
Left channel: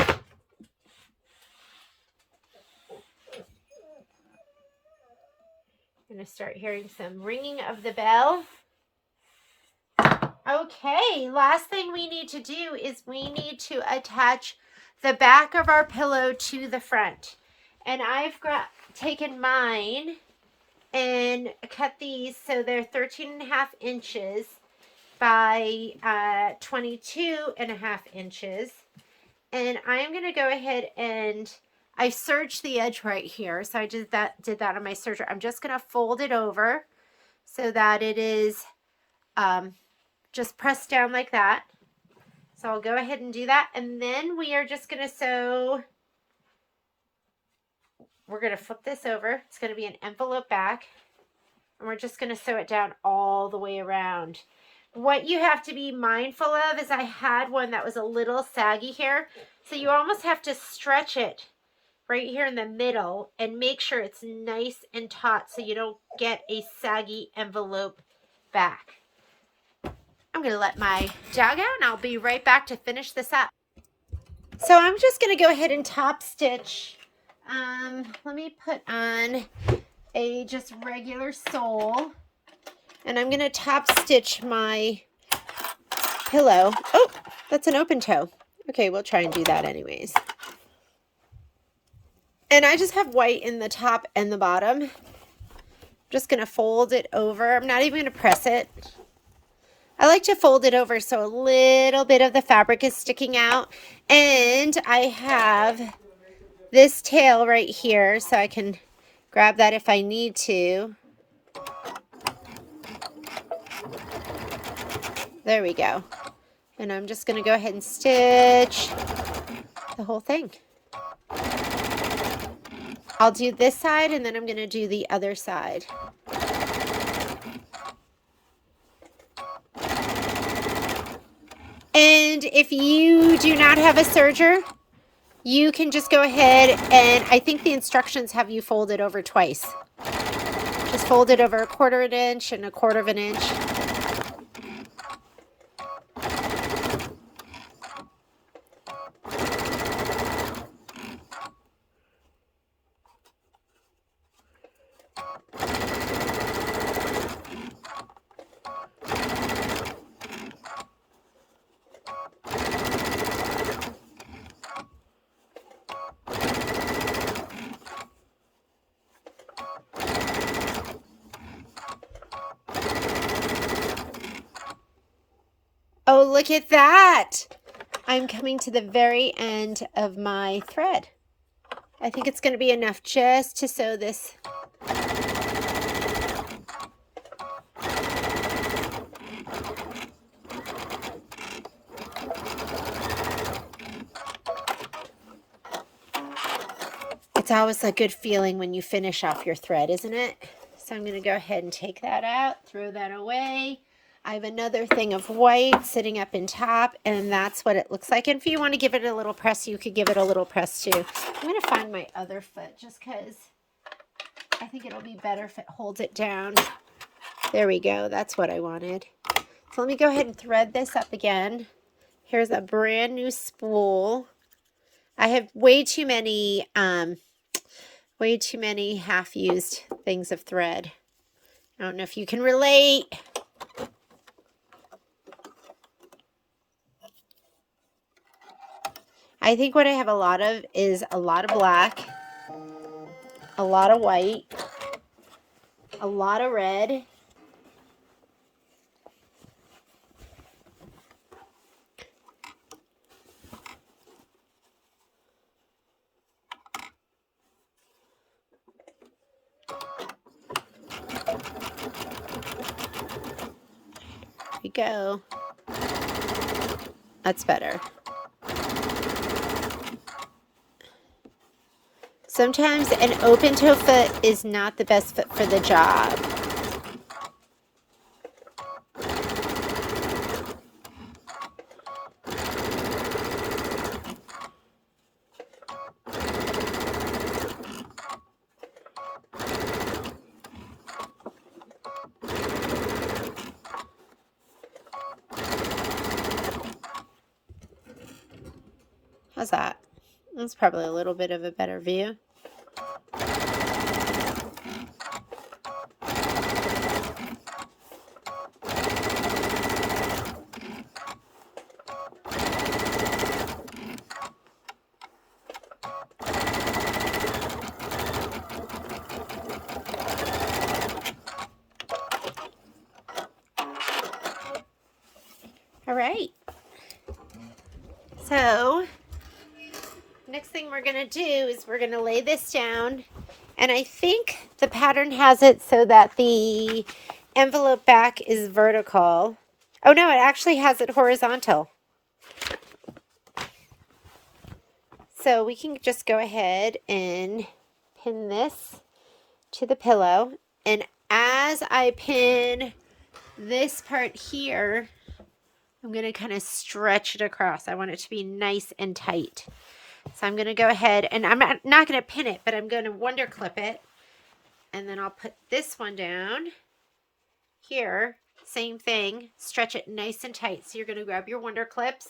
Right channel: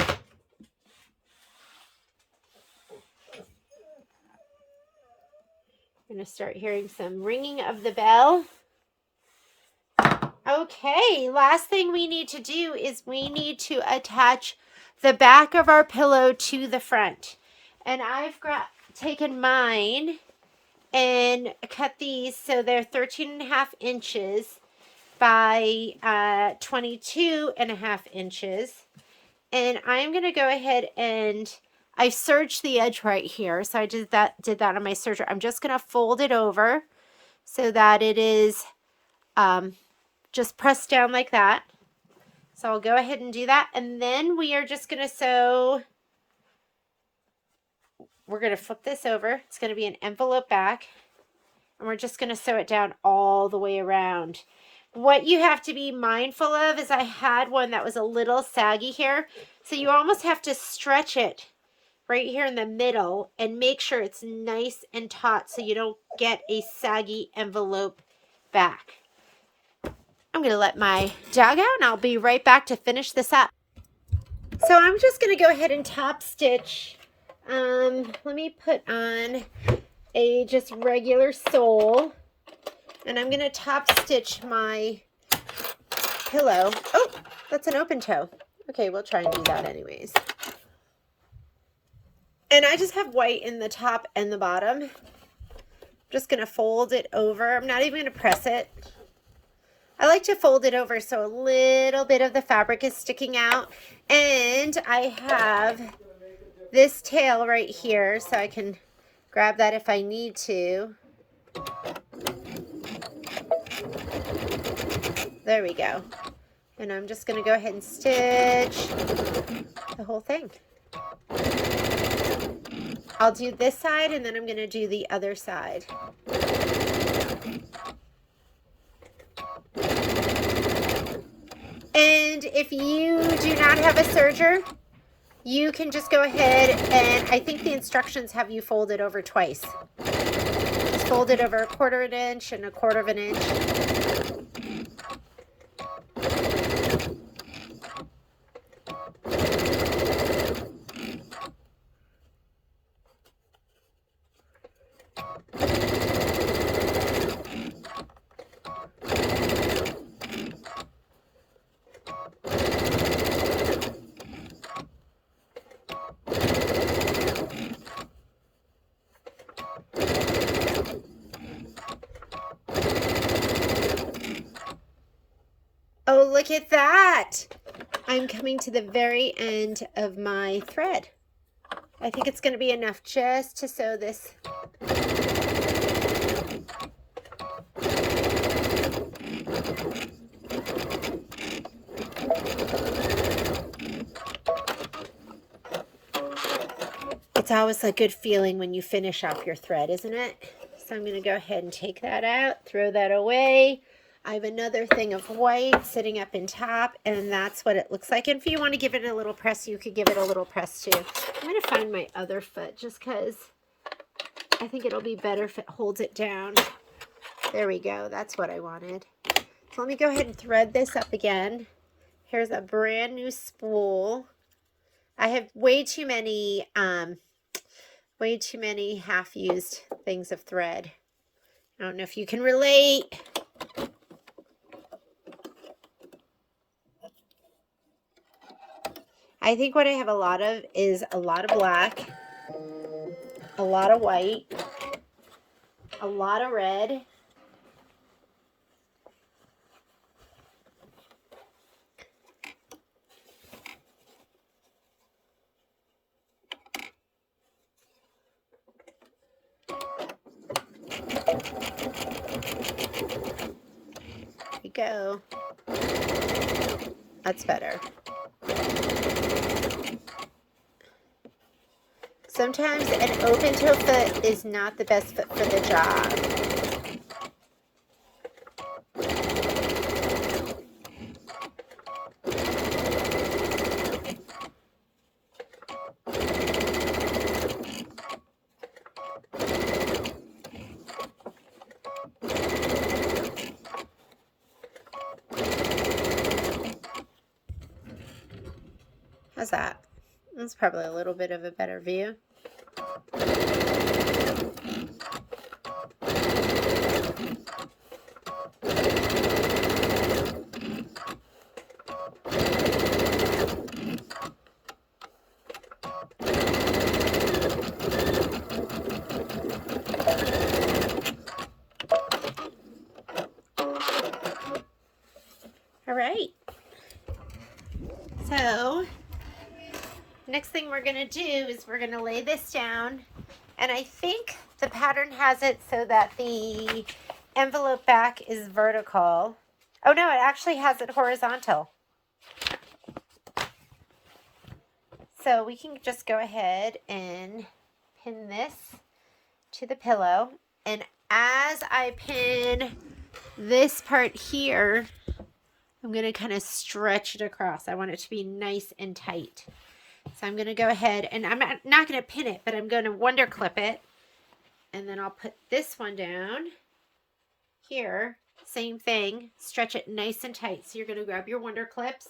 I'm going to start hearing some ringing of the bell. Okay, last thing we need to do is we need to attach the back of our pillow to the front. And I've taken mine and cut these so they're 13.5 inches by 22.5 inches. And I'm going to go ahead and I serged the edge right here. So I did that on my serger. I'm just going to fold it over so that it is just pressed down like that. So I'll go ahead and do that. And then we are just going to sew. We're going to flip this over. It's going to be an envelope back. And we're just going to sew it down all the way around. What you have to be mindful of is I had one that was a little saggy here. So you almost have to stretch it right here in the middle and make sure it's nice and taut so you don't get a saggy envelope back. I'm going to let my dog out and I'll be right back to finish this up. So I'm just going to go ahead and top stitch. Let me put on a just regular sole and I'm going to top stitch my pillow. Oh, that's an open toe. Okay, we'll try and do that anyways. And I just have white in the top and the bottom. I'm just going to fold it over. I'm not even going to press it. I like to fold it over so a little bit of the fabric is sticking out. And I have this tail right here so I can grab that if I need to. There we go. And I'm just going to go ahead and stitch the whole thing. I'll do this side and then I'm going to do the other side. And if you do not have a serger, you can just go ahead and I think the instructions have you fold it over twice. Just fold it over 1/4 inch and 1/4 inch. Oh, look at that. I'm coming to the very end of my thread. I think it's going to be enough just to sew this. It's always a good feeling when you finish off your thread, isn't it? So I'm going to go ahead and take that out, throw that away. I have another thing of white sitting up in top, and that's what it looks like. And if you want to give it a little press, you could give it a little press too. I'm going to find my other foot just because I think it'll be better if it holds it down. There we go. That's what I wanted. So let me go ahead and thread this up again. Here's a brand new spool. I have way too many half-used things of thread. I don't know if you can relate. I think what I have a lot of is a lot of black, a lot of white, a lot of red, there we go. That's better. Sometimes an open toe foot is not the best foot for the job. How's that? That's probably a little bit of a better view. All right. So next thing we're going to do is we're going to lay this down, and I think the pattern has it so that the envelope back is vertical. Oh no, it actually has it horizontal. So we can just go ahead and pin this to the pillow, and as I pin this part here, I'm going to kind of stretch it across. I want it to be nice and tight. So I'm going to go ahead and I'm not going to pin it, but I'm going to wonder clip it. And then I'll put this one down here. Same thing. Stretch it nice and tight. So you're going to grab your wonder clips.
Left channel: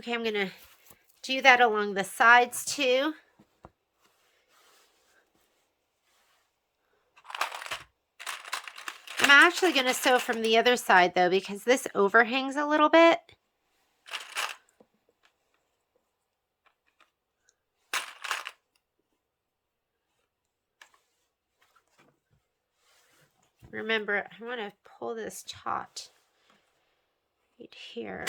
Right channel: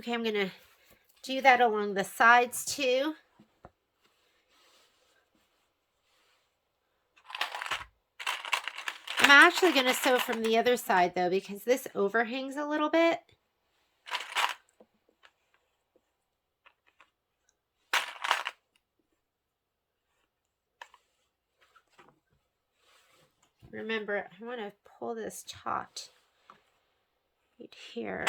Okay, I'm going to do that along the sides too. I'm actually going to sew from the other side though, because this overhangs a little bit. Remember, I want to pull this taut right here.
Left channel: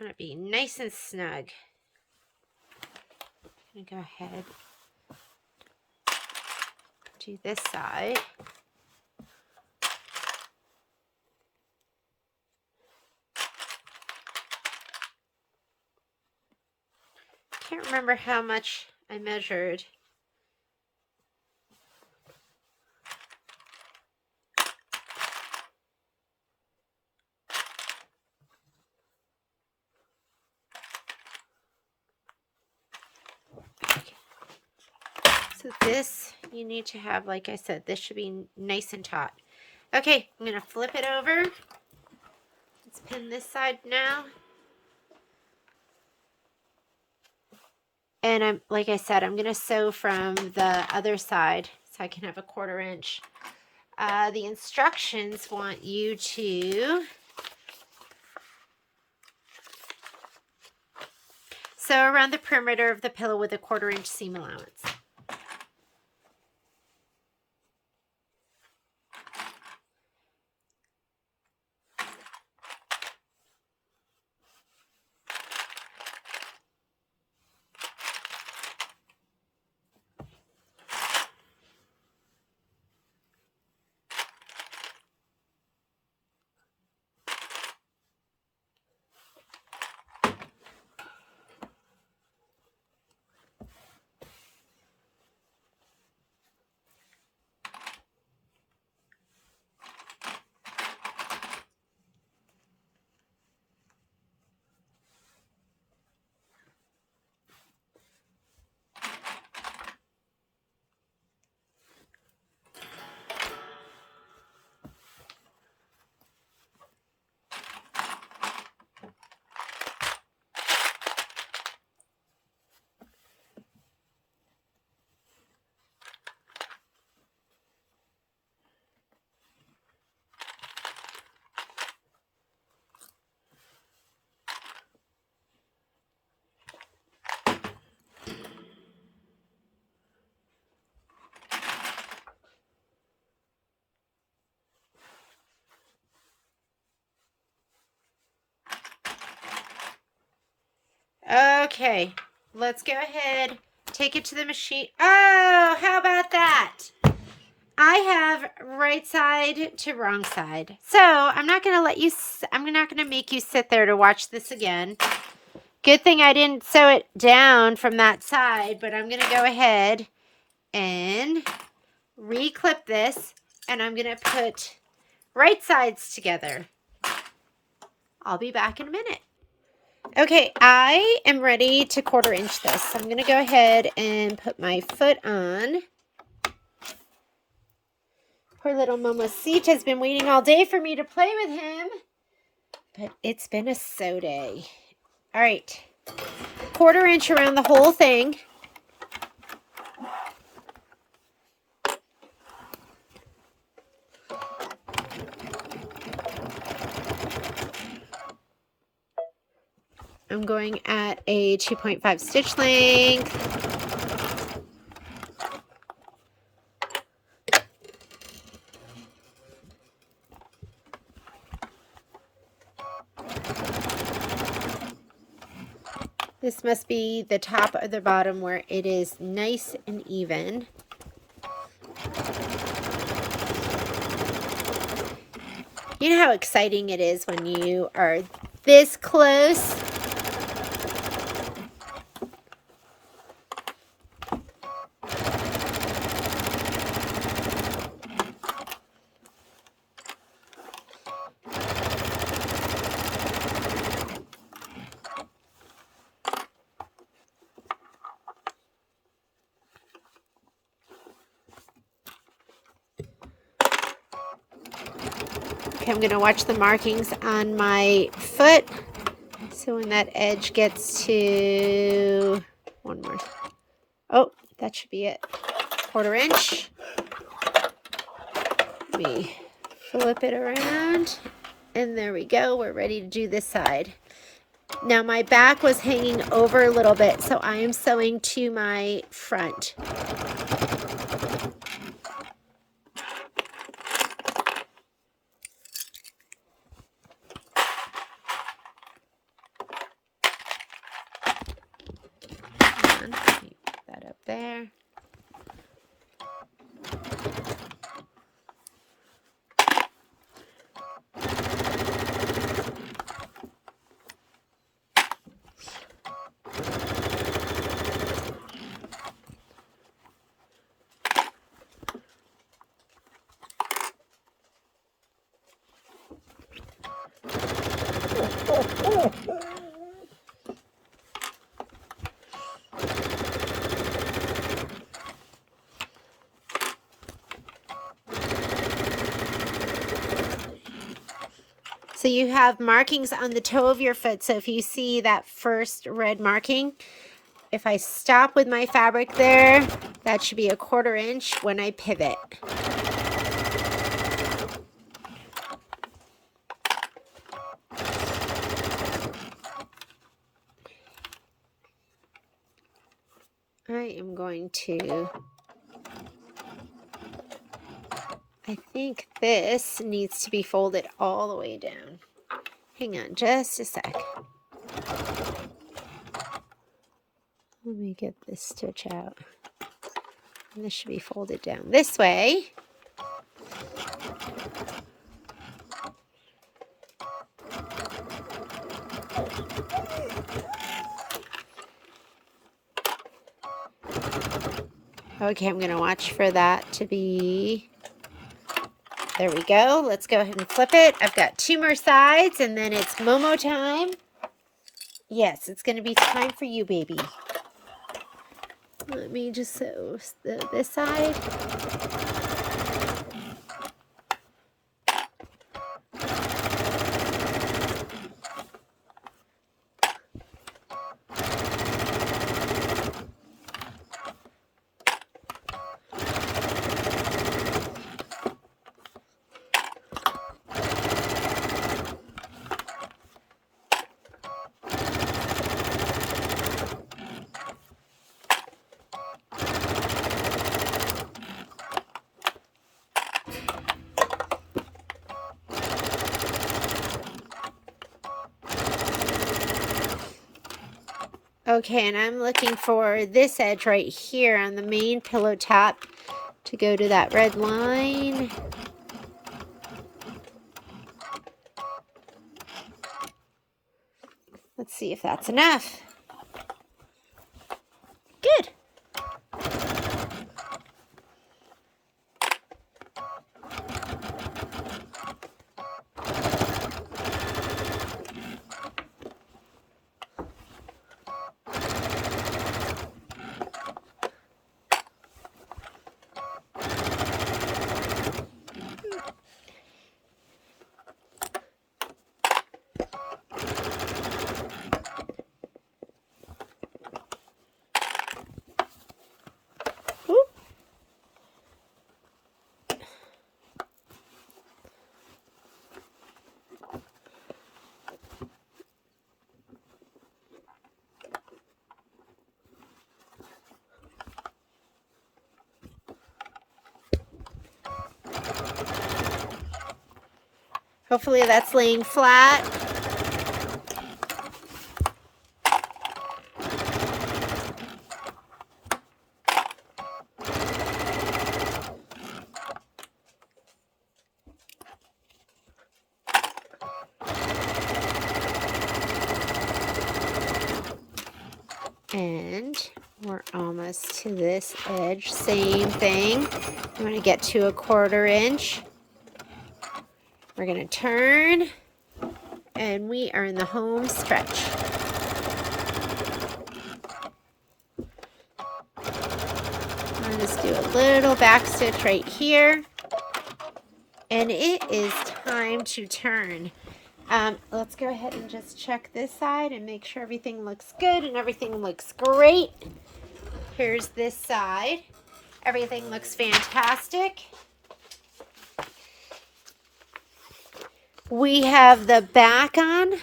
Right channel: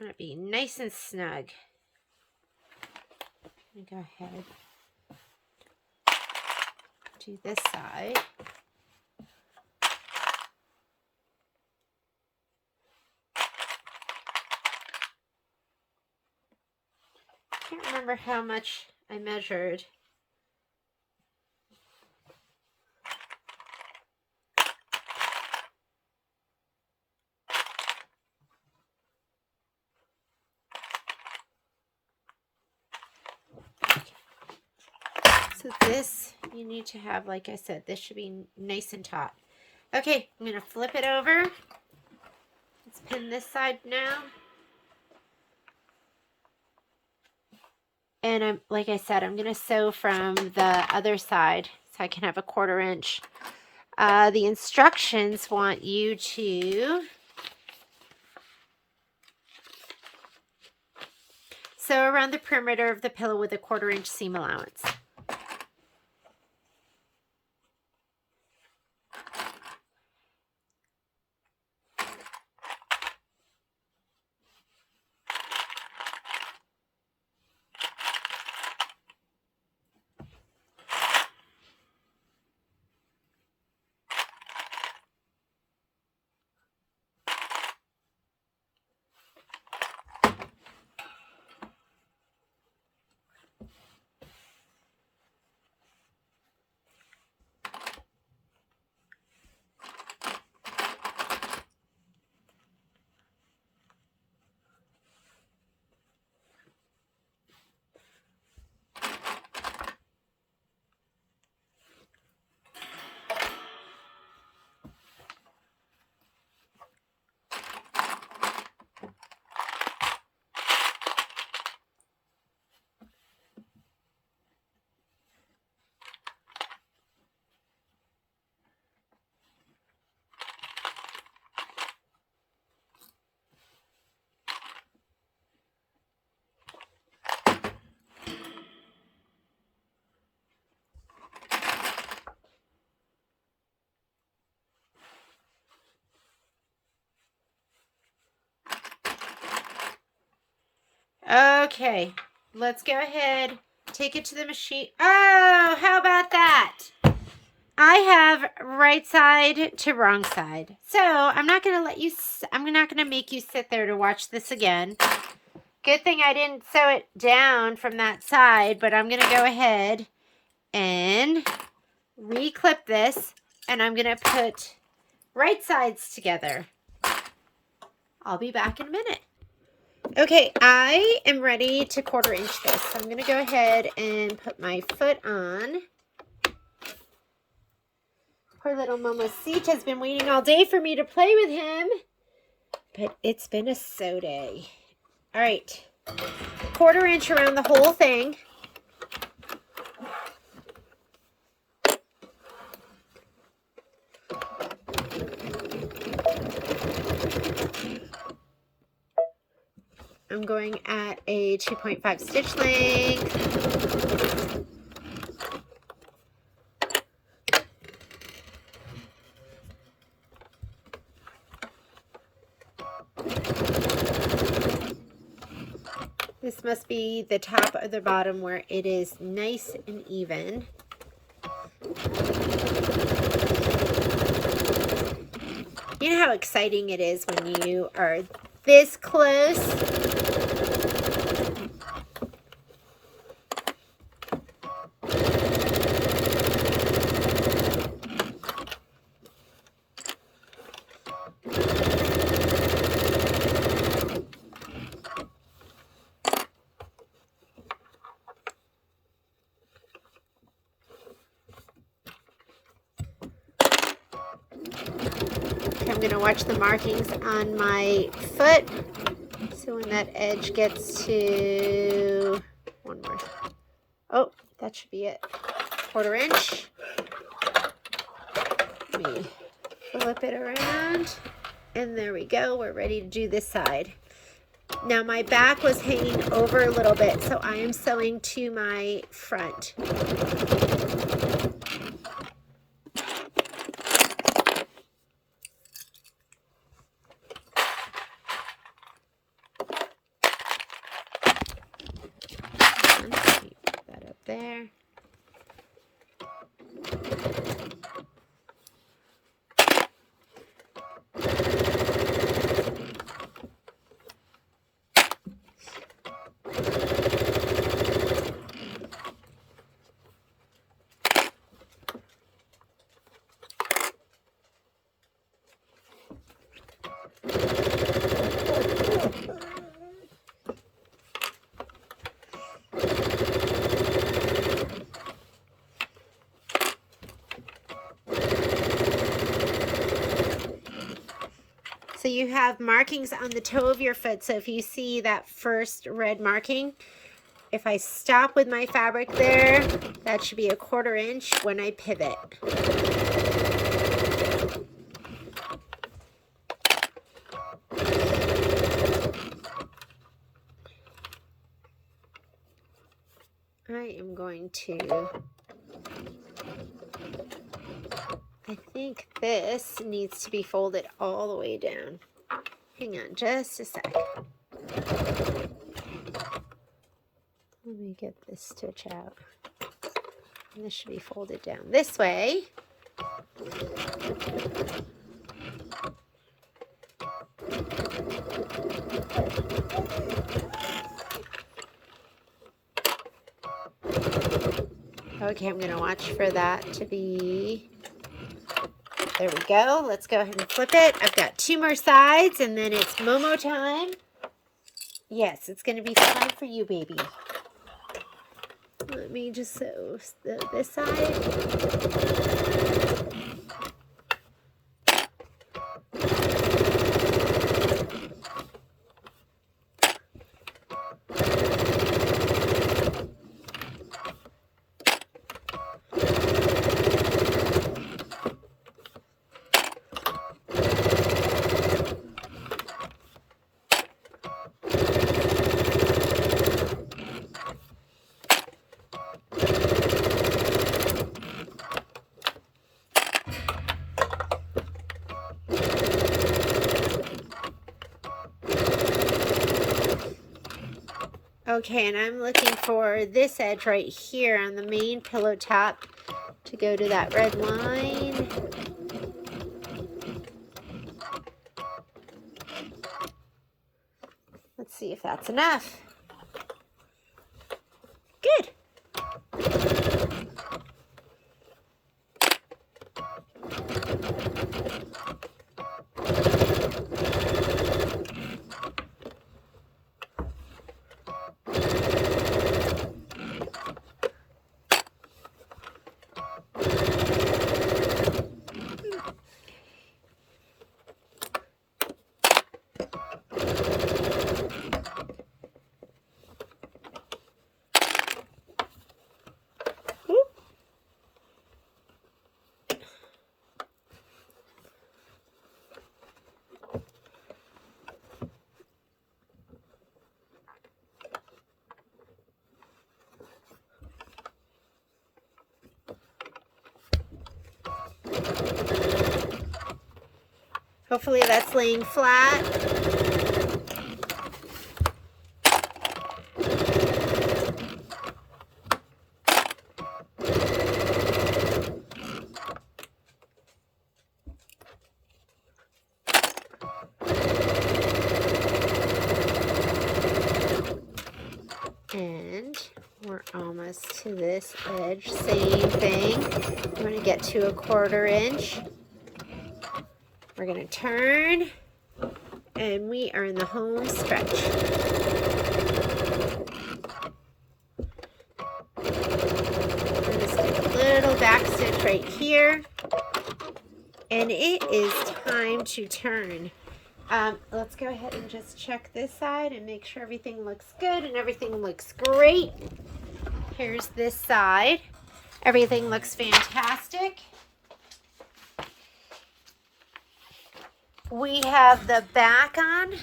I want to be nice and snug. I'm going to go ahead, do this side. Can't remember how much I measured. So this, you need to have, like I said, this should be nice and taut. Okay, I'm going to flip it over. Let's pin this side now. And like I said, I'm going to sew from the other side so I can have a 1/4 inch. The instructions want you to sew around the perimeter of the pillow with a 1/4 inch seam allowance. Okay, let's go ahead, take it to the machine. Oh, how about that? I have right side to wrong side. So I'm not going to make you sit there to watch this again. Good thing I didn't sew it down from that side, but I'm going to go ahead and reclip this, and I'm going to put right sides together. I'll be back in a minute. Okay, I am ready to 1/4 inch this. So I'm going to go ahead and put my foot on. Poor little Mamacita has been waiting all day for me to play with him. But it's been a sew day. All right, 1/4 inch around the whole thing. going at a 2.5 stitch length. This must be the top or the bottom where it is nice and even. You know how exciting it is when you are this close? I'm going to watch the markings on my foot. So when that edge gets to one more. Oh, that should be it. 1/4 inch. Let me flip it around. And there we go. We're ready to do this side. Now my back was hanging over a little bit, so I am sewing to my front. So you have markings on the toe of your foot. So if you see that first red marking, if I stop with my fabric there, that should be a 1/4 inch when I pivot. I am going to, I think this needs to be folded all the way down. Hang on just a sec. Let me get this stitch out. And this should be folded down this way. Okay, I'm going to watch for that to be, there we go. Let's go ahead and flip it. I've got 2 more sides and then it's Momo time. Yes, it's going to be time for you, baby. Let me just sew this side. Okay, and I'm looking for this edge right here on the main pillow top to go to that red line. Let's see if that's enough. Good. Hopefully that's laying flat. And we're almost to this edge. Same thing. I'm going to get to a 1/4 inch. We're going to turn, and we are in the home stretch. I'm just do a little back stitch right here. And it is time to turn. Let's go ahead and just check this side and make sure everything looks good and everything looks great. Here's this side. Everything looks fantastic. We have the back on.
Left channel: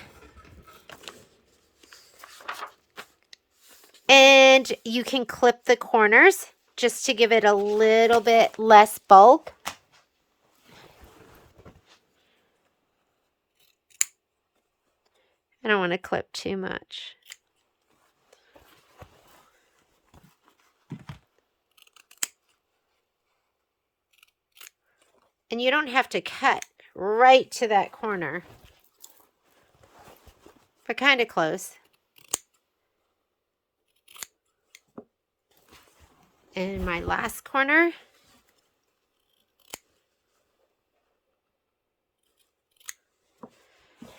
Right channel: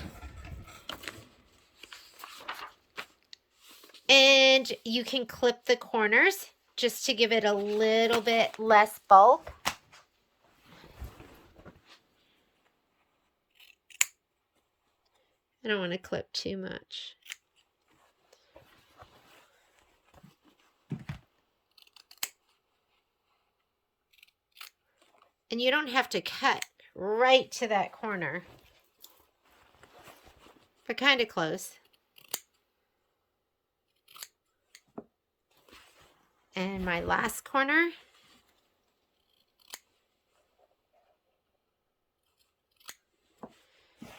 And you can clip the corners just to give it a little bit less bulk. I don't want to clip too much. And you don't have to cut right to that corner, but kind of close. And my last corner.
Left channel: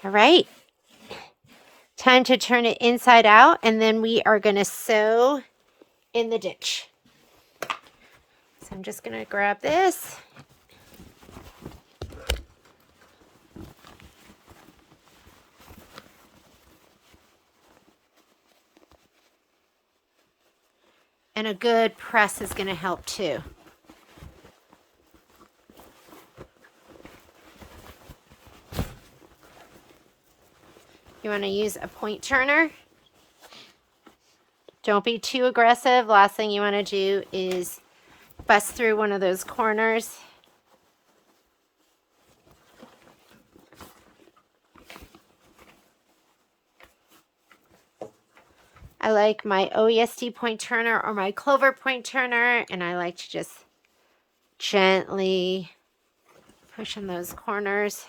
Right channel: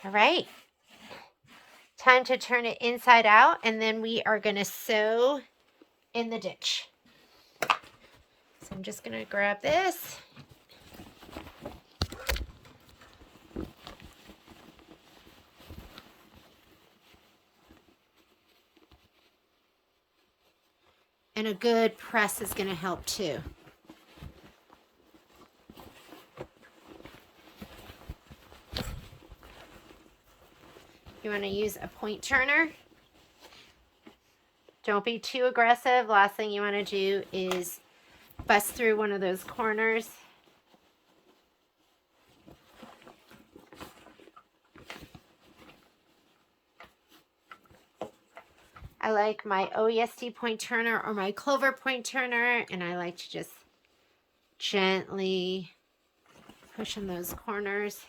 All right. Time to turn it inside out, and then we are going to sew in the ditch. So I'm just going to grab this. And a good press is going to help too. You want to use a point turner. Don't be too aggressive. Last thing you want to do is bust through one of those corners. I like my OESD point turner or my Clover point turner, and I like to just gently push in those corners.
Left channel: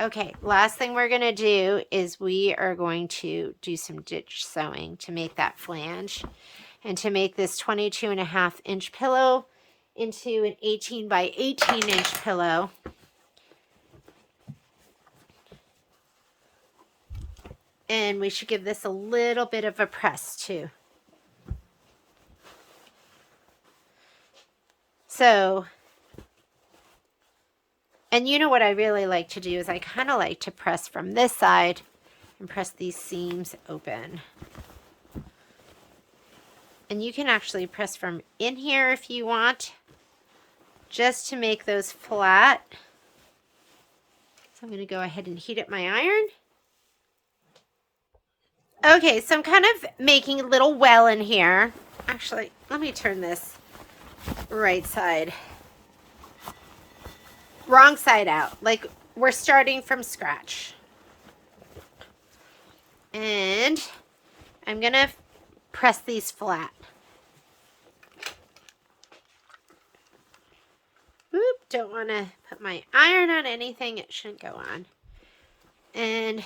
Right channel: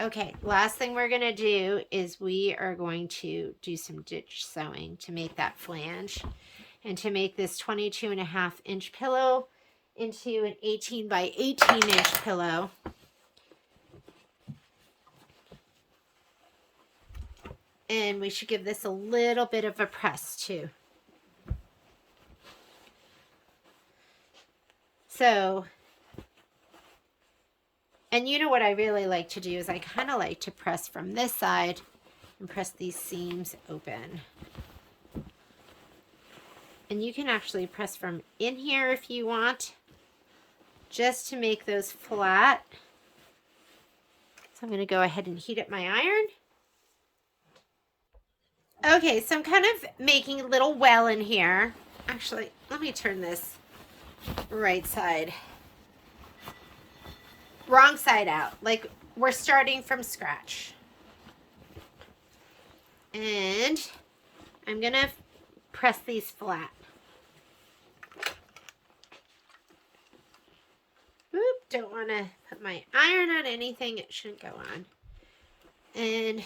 Okay, last thing we're going to do is we are going to do some ditch sewing to make that flange and to make this 22.5-inch pillow into an 18 by 18-inch pillow. And we should give this a little bit of a press too. So, and you know what I really like to do is I kind of like to press from this side and press these seams open. And you can actually press from in here if you want, just to make those flat. So I'm going to go ahead and heat up my iron. Okay, so I'm kind of making a little well in here. Actually, let me turn this right side. Wrong side out. Like we're starting from scratch. And I'm going to press these flat. Oop, don't want to put my iron on anything it shouldn't go on. And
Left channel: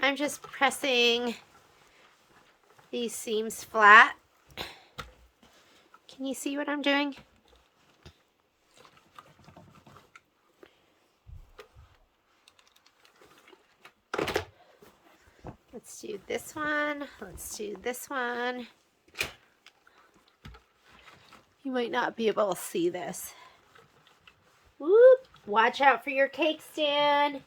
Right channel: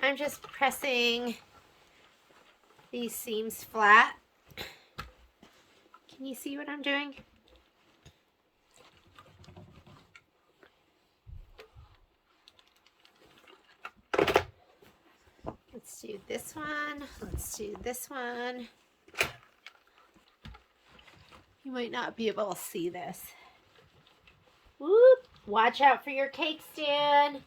I'm just pressing these seams flat. Can you see what I'm doing? Let's do this one. Let's do this one. You might not be able to see this. Whoop! Watch out for your cake stand.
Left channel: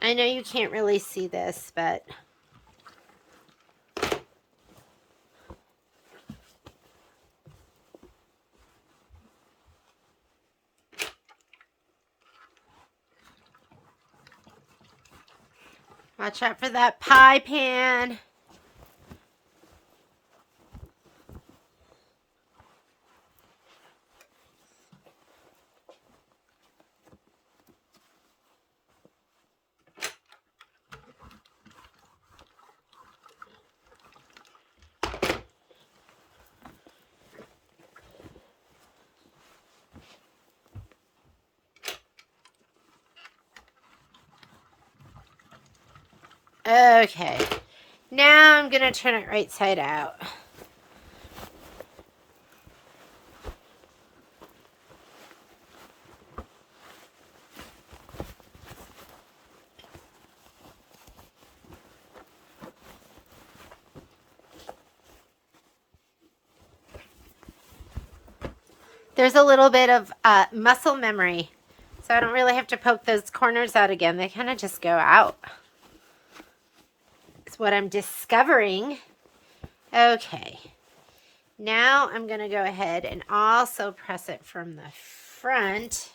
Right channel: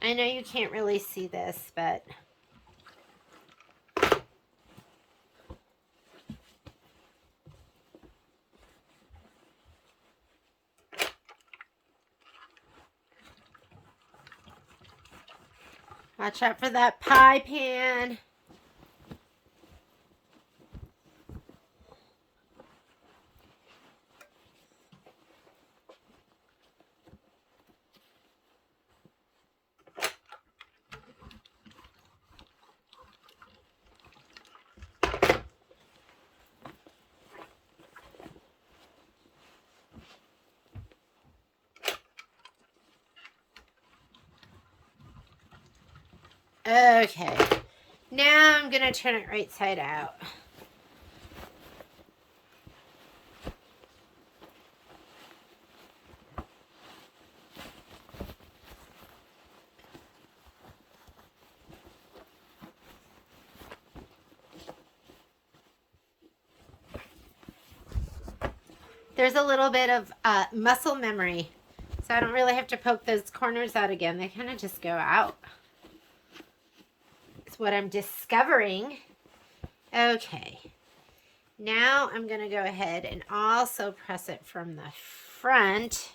I know you can't really see this, but Watch out for that pie pan. Okay, now I'm going to turn it right side out. There's a little bit of muscle memory, so I don't really have to poke those corners out again. They kind of just go out. It's what I'm discovering. Okay, now I'm going to go ahead and also press it from the front.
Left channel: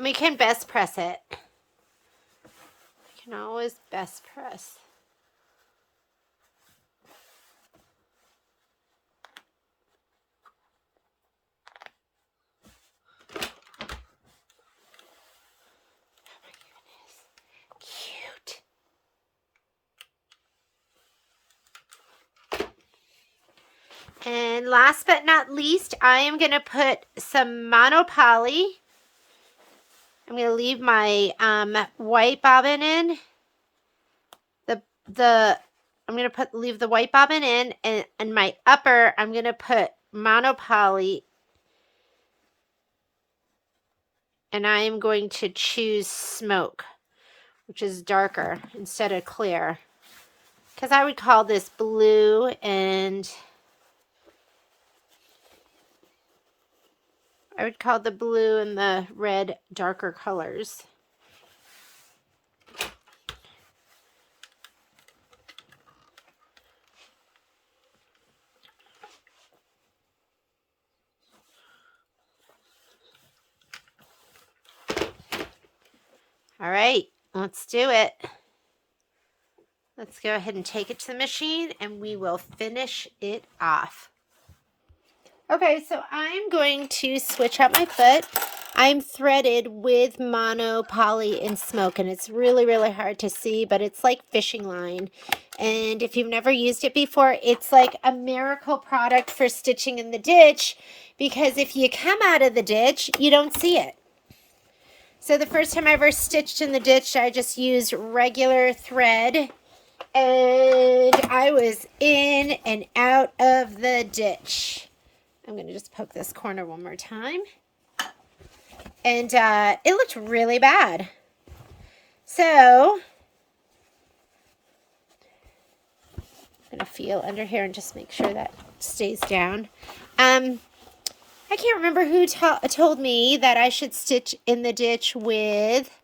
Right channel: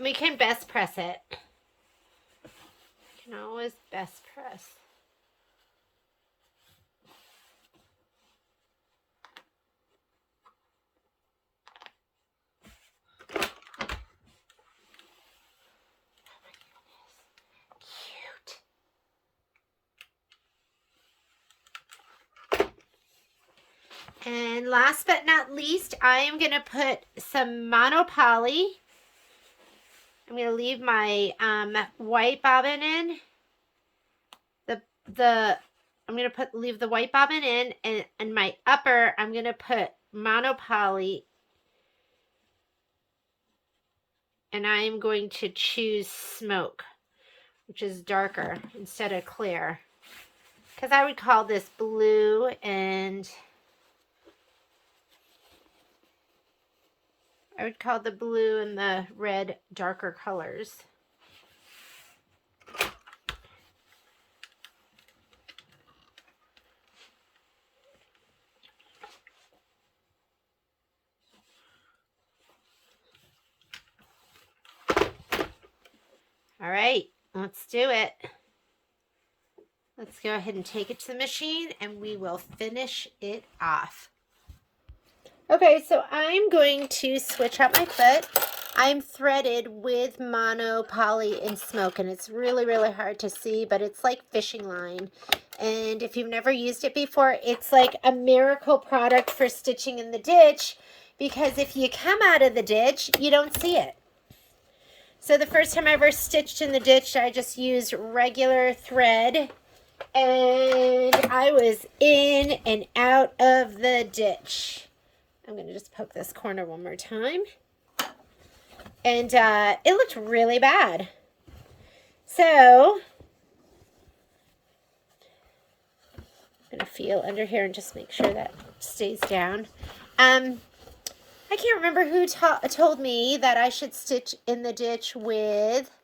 We can best press it. You can always best press. Cute. And last but not least, I am going to put some monopoly. I'm going to leave my white bobbin in. I'm going to leave the white bobbin in, and my upper, I'm going to put monopoly. And I am going to choose smoke, which is darker instead of clear. Because I would call this blue and I would call the blue and the red darker colors. All right, let's do it. Let's go ahead and take it to the machine and we will finish it off. Okay, so I'm going to switch up my foot. I'm threaded with mono, poly, and smoke, and it's really, really hard to see, but it's like fishing line. And if you've never used it before, it's like a miracle product for stitching in the ditch, because if you come out of the ditch, you don't see it. So the first time I ever stitched in the ditch, I just used regular thread, and I was in and out of the ditch. I'm going to just poke this corner one more time. And it looked really bad. So I'm going to feel under here and just make sure that stays down. I can't remember who told me that I should stitch in the ditch with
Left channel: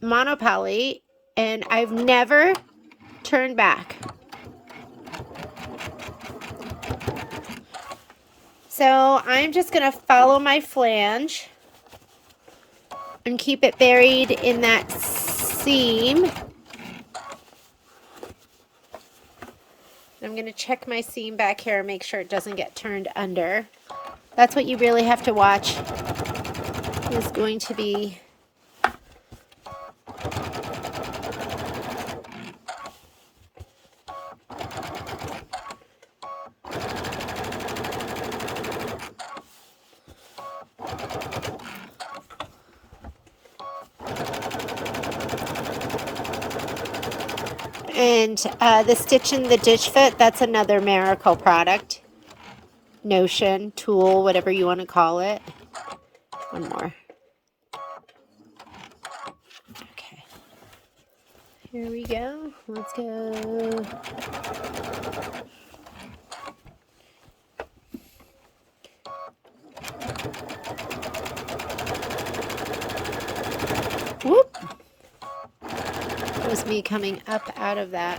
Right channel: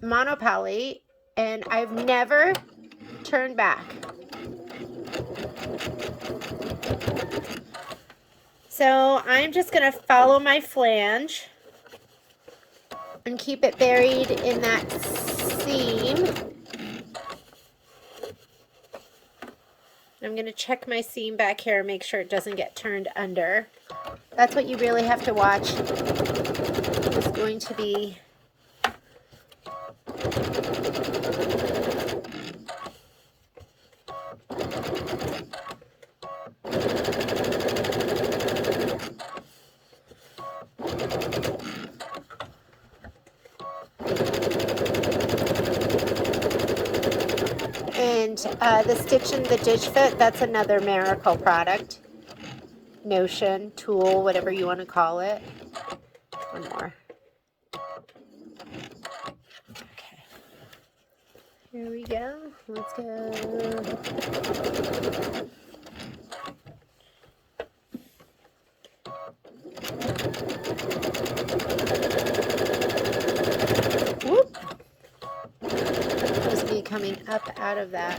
monopoly, and I've never turned back. So I'm just going to follow my flange and keep it buried in that seam. I'm going to check my seam back here and make sure it doesn't get turned under. That's what you really have to watch. It's going to be And the Stitch in the Ditch Foot, that's another Miracle product. Notion, tool, whatever you want to call it. One more. Okay. Here we go. Let's go. Whoop. That was me coming up out of that.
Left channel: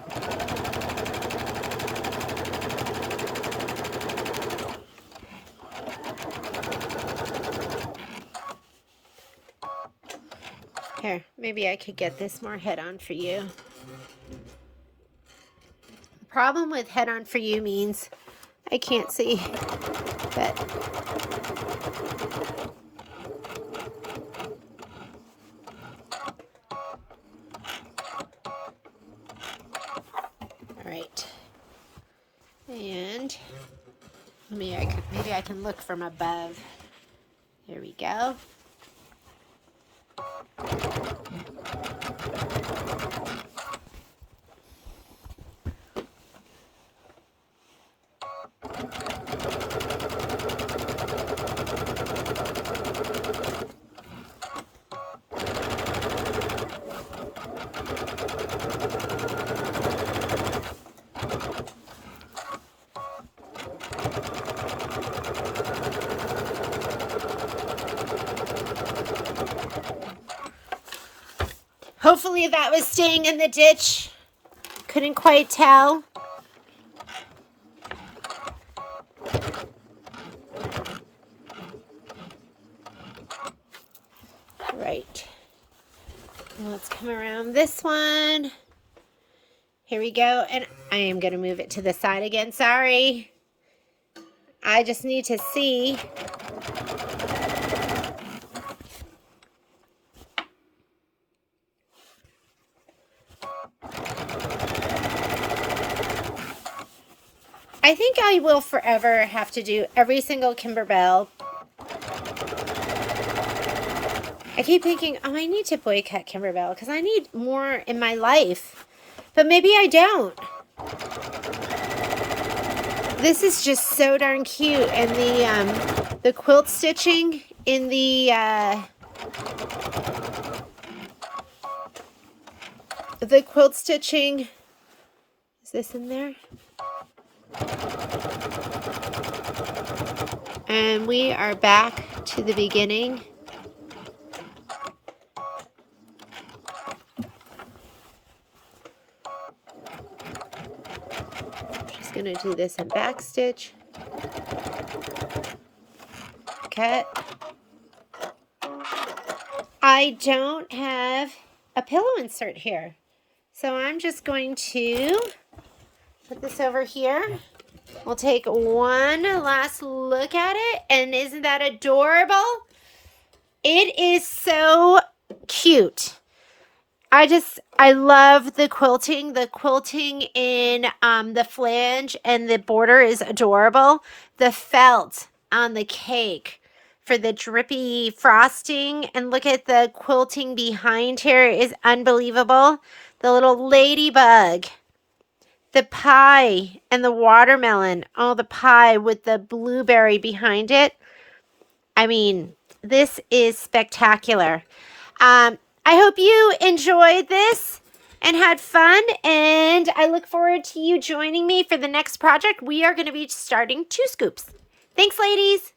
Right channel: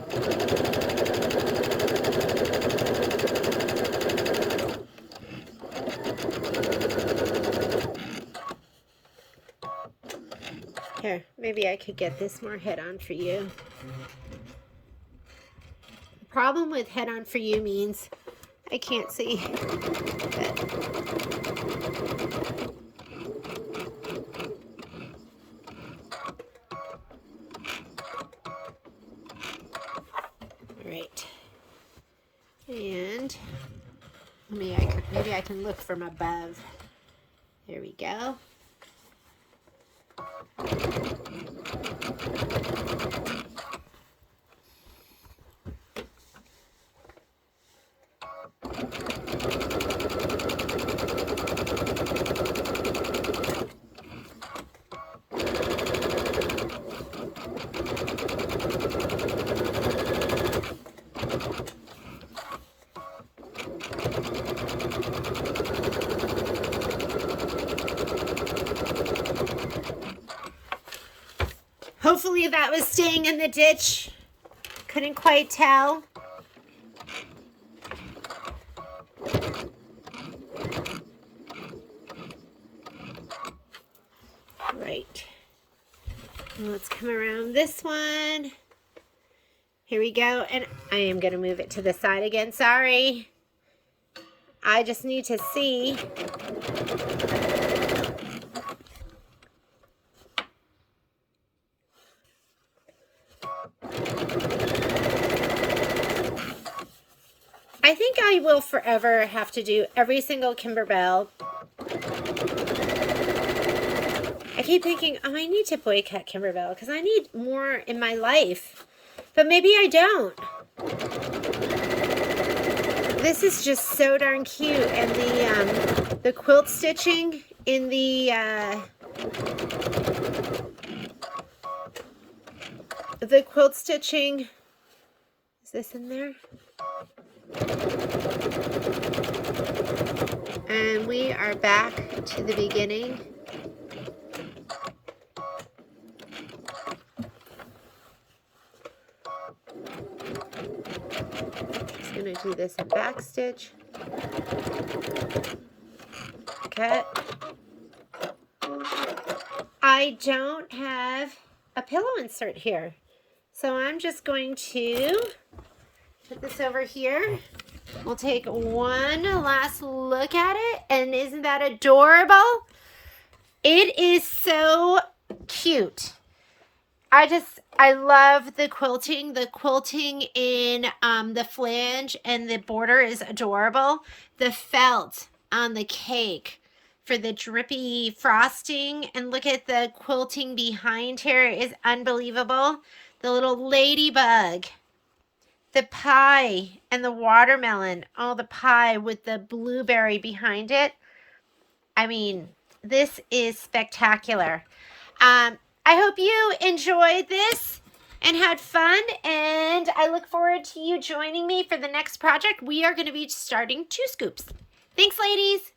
Here, maybe I could get this more head-on for you. The problem with head-on for you means I can't see. But all right. And maybe I can look from above. Here we go. Hopefully that was staying in the ditch. Couldn't quite tell. Right. Well, let's come around this one. Here we go. And I am going to move it to the side again. Sorry. I just need to see. I think I will forever have to do every single Kimberbell. I keep thinking, oh, I need to boycott Kimberbell because I need more in my life. But maybe I don't. This is just so darn cute. And the quilt stitching in the quilt stitching, is this in there? And we are back to the beginning. Just gonna do this in back stitch. Cut. I don't have a pillow insert here, so I'm just going to put this over here. We'll take one last look at it, and isn't that adorable? It is so cute. I love the quilting. The quilting in the flange and the border is adorable. The felt on the cake for the drippy frosting, and look at the quilting behind here is unbelievable. The little ladybug. The pie and the watermelon. Oh, the pie with the blueberry behind it. I mean, this is spectacular. I hope you enjoyed this and had fun, and I look forward to you joining me for the next project. We are going to be starting 2 scoops. Thanks, ladies.